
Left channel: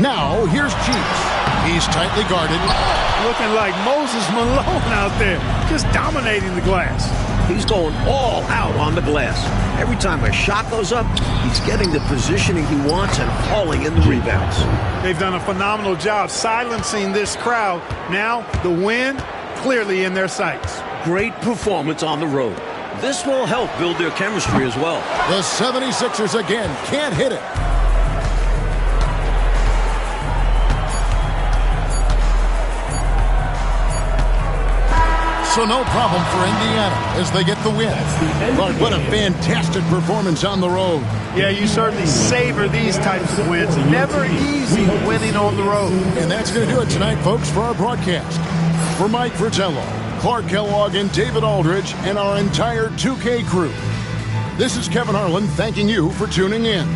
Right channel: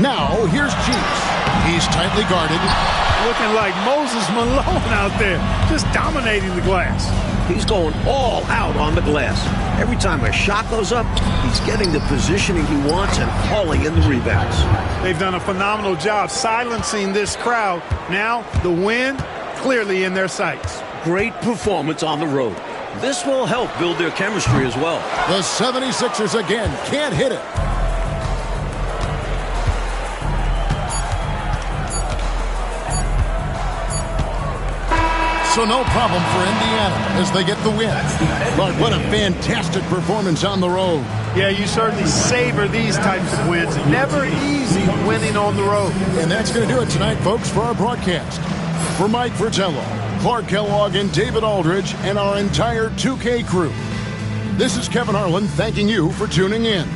Now, here's Chiefs. He's tightly guarded. Looking like Moses Malone out there, just dominating the glass. He's going all out on the glass. Every time a shot goes up, he's getting the positioning he wants and hauling in the rebounds. They've done a phenomenal job silencing this crowd. Now, the win clearly in their sights. Great performance on the road. This will help build their chemistry as well. The 76ers again can't hit it. So no problem for Indiana as they get the win. But what a fantastic performance on the road. Yeah, you certainly savor these types of wins. Never easy winning on the road. And that's going to do it tonight, folks, for our broadcast. For Mike Fratello, Clark Kellogg, and David Aldridge, and our entire 2K crew, this is Kevin Harlan thanking you for tuning in.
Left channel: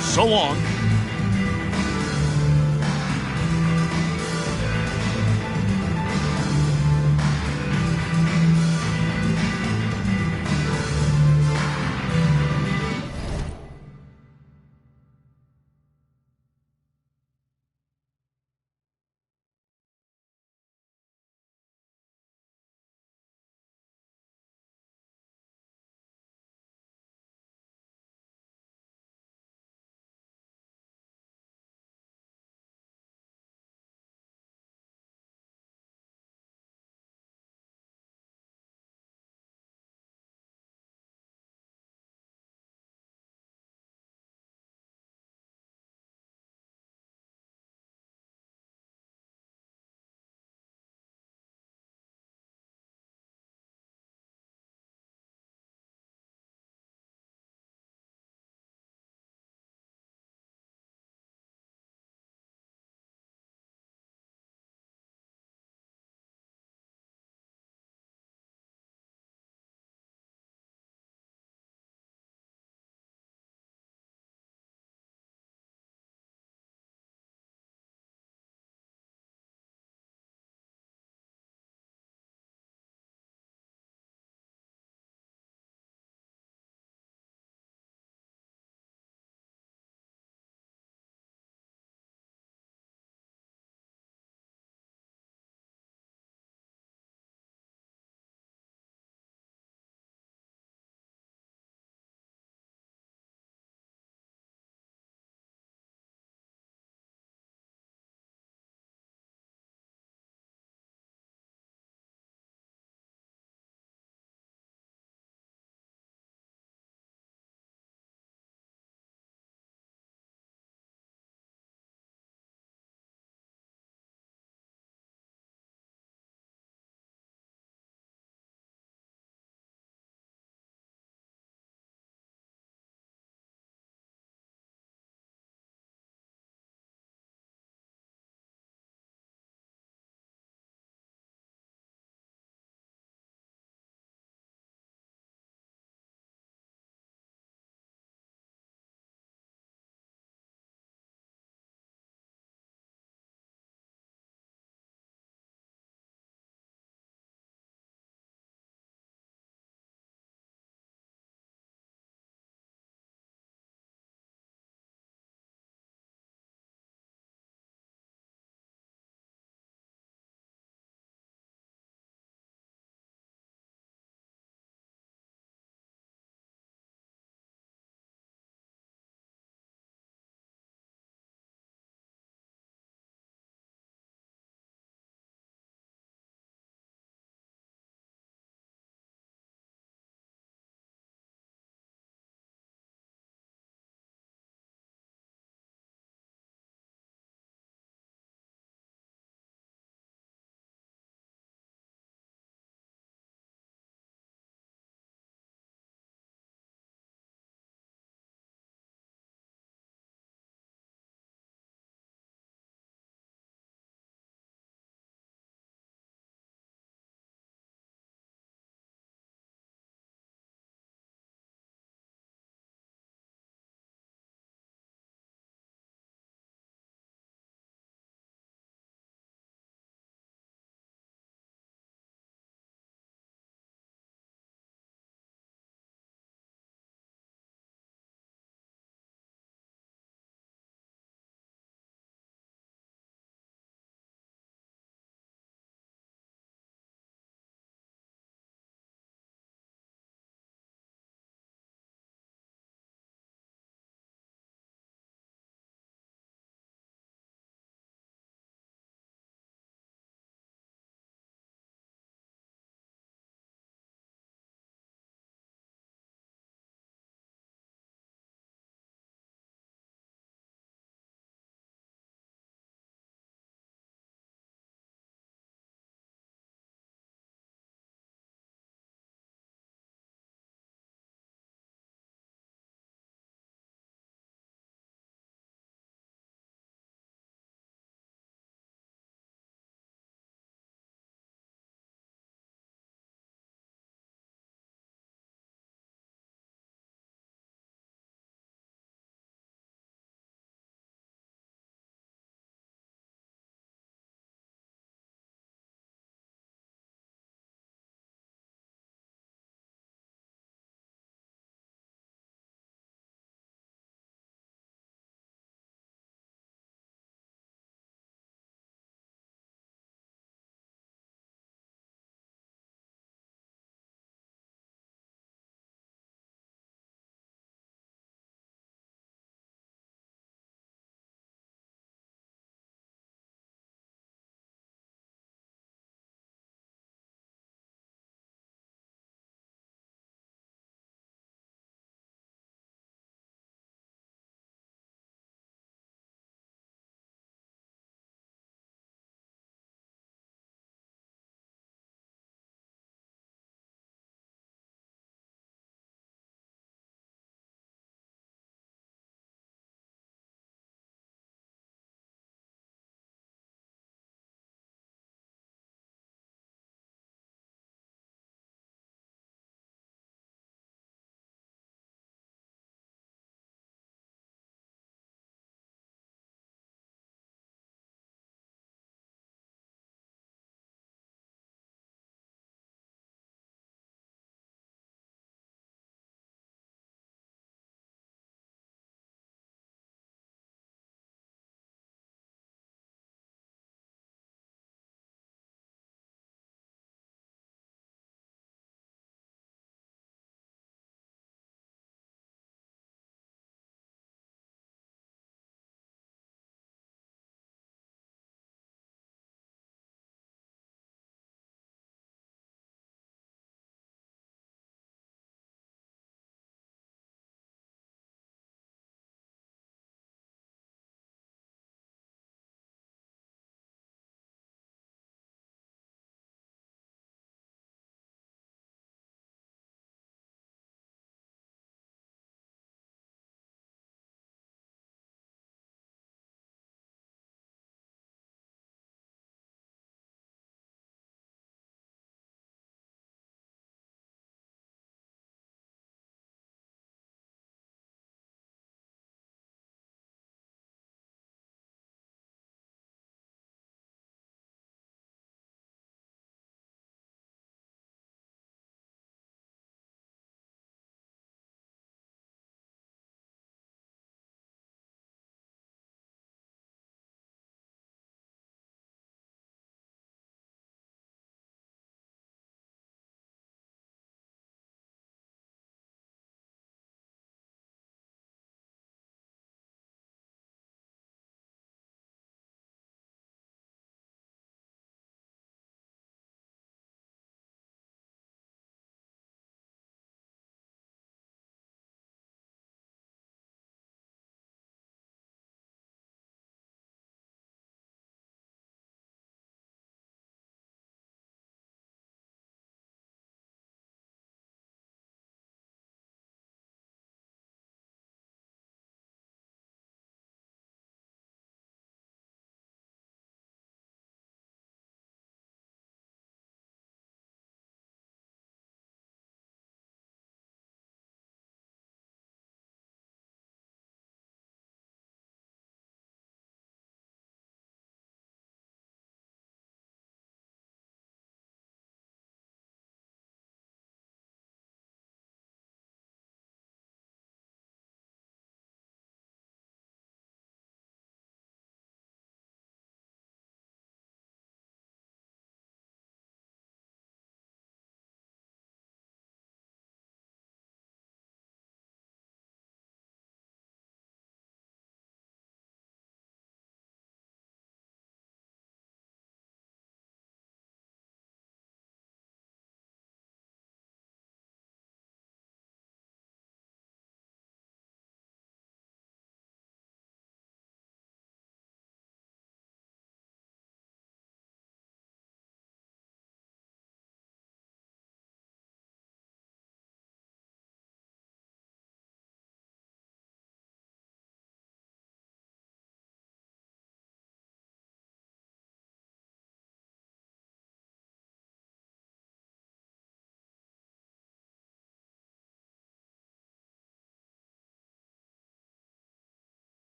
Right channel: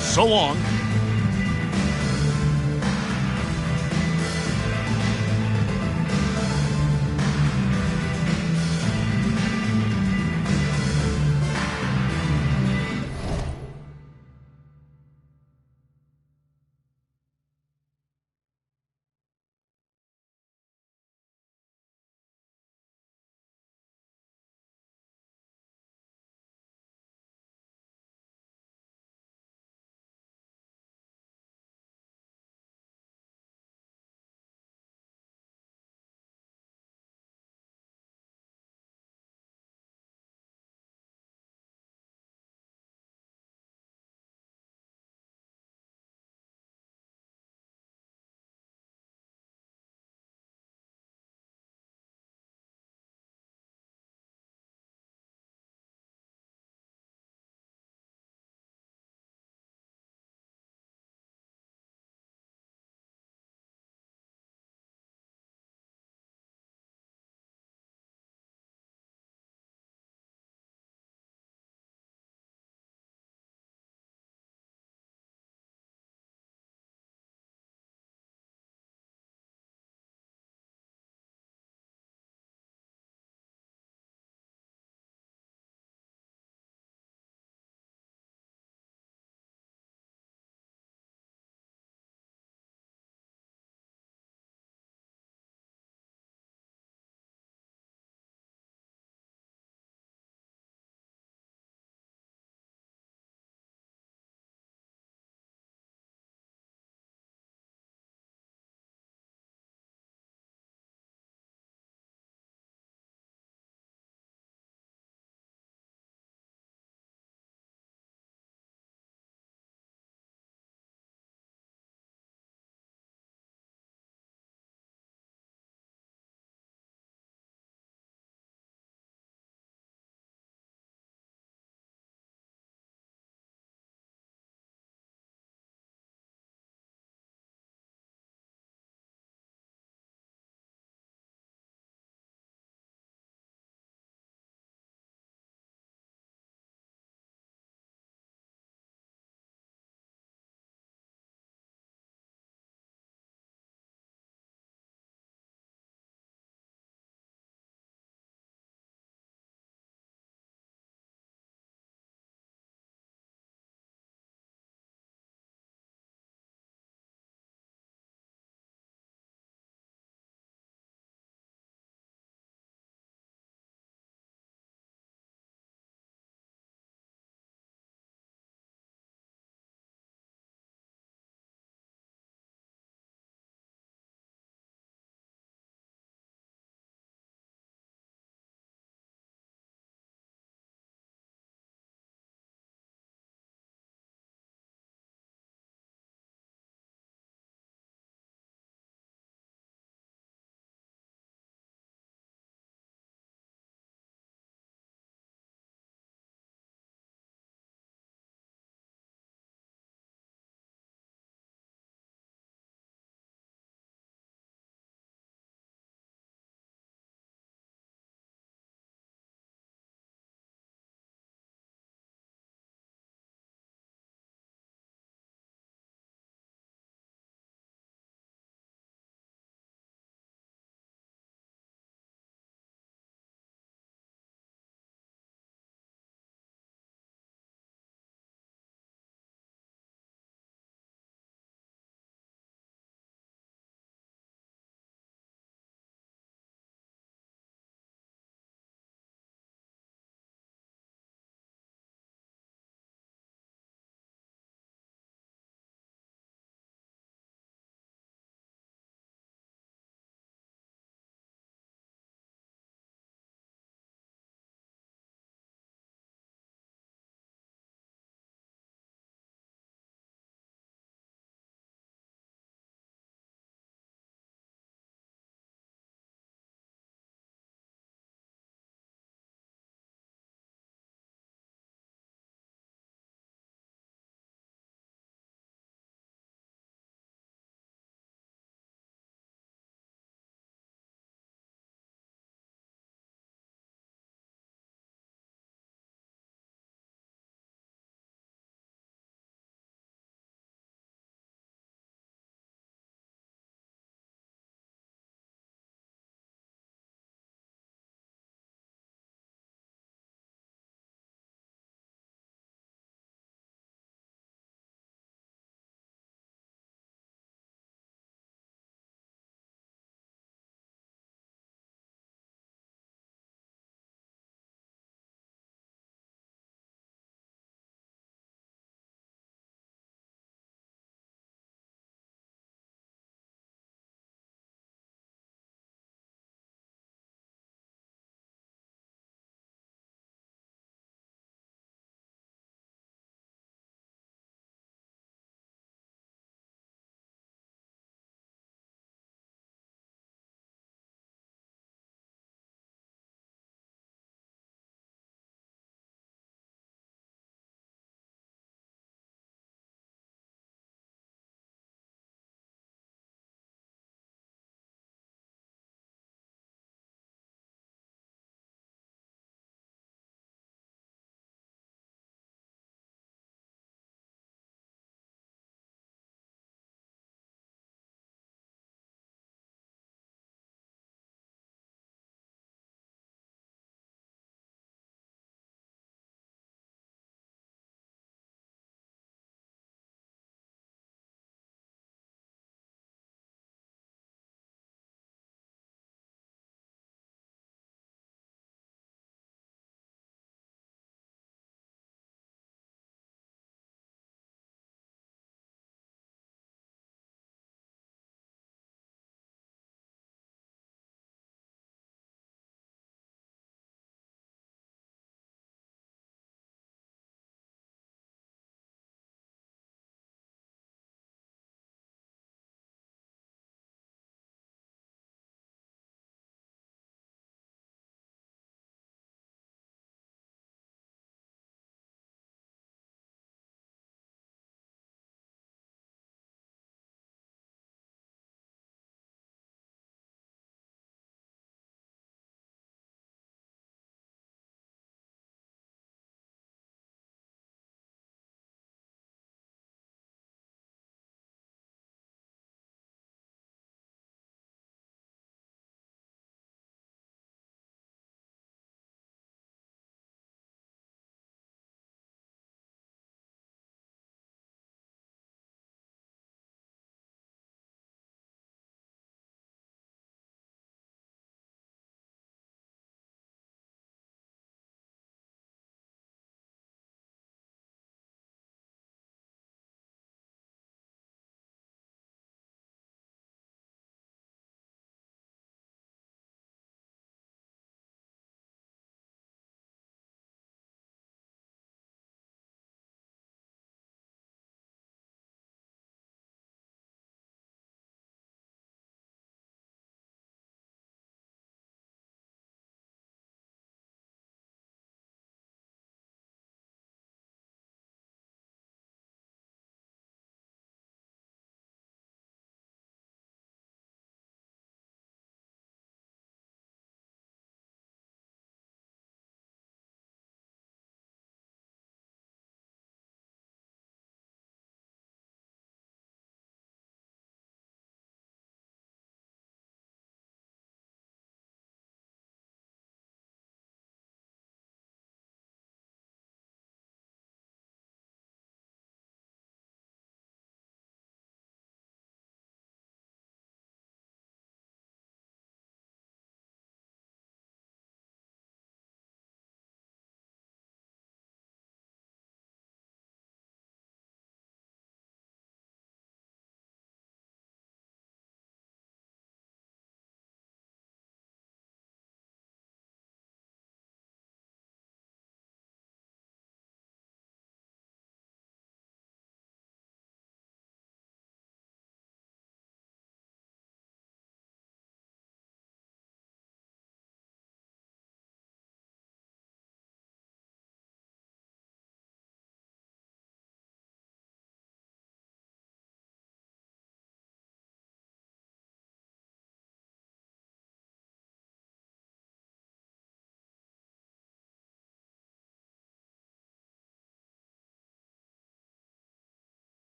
So long.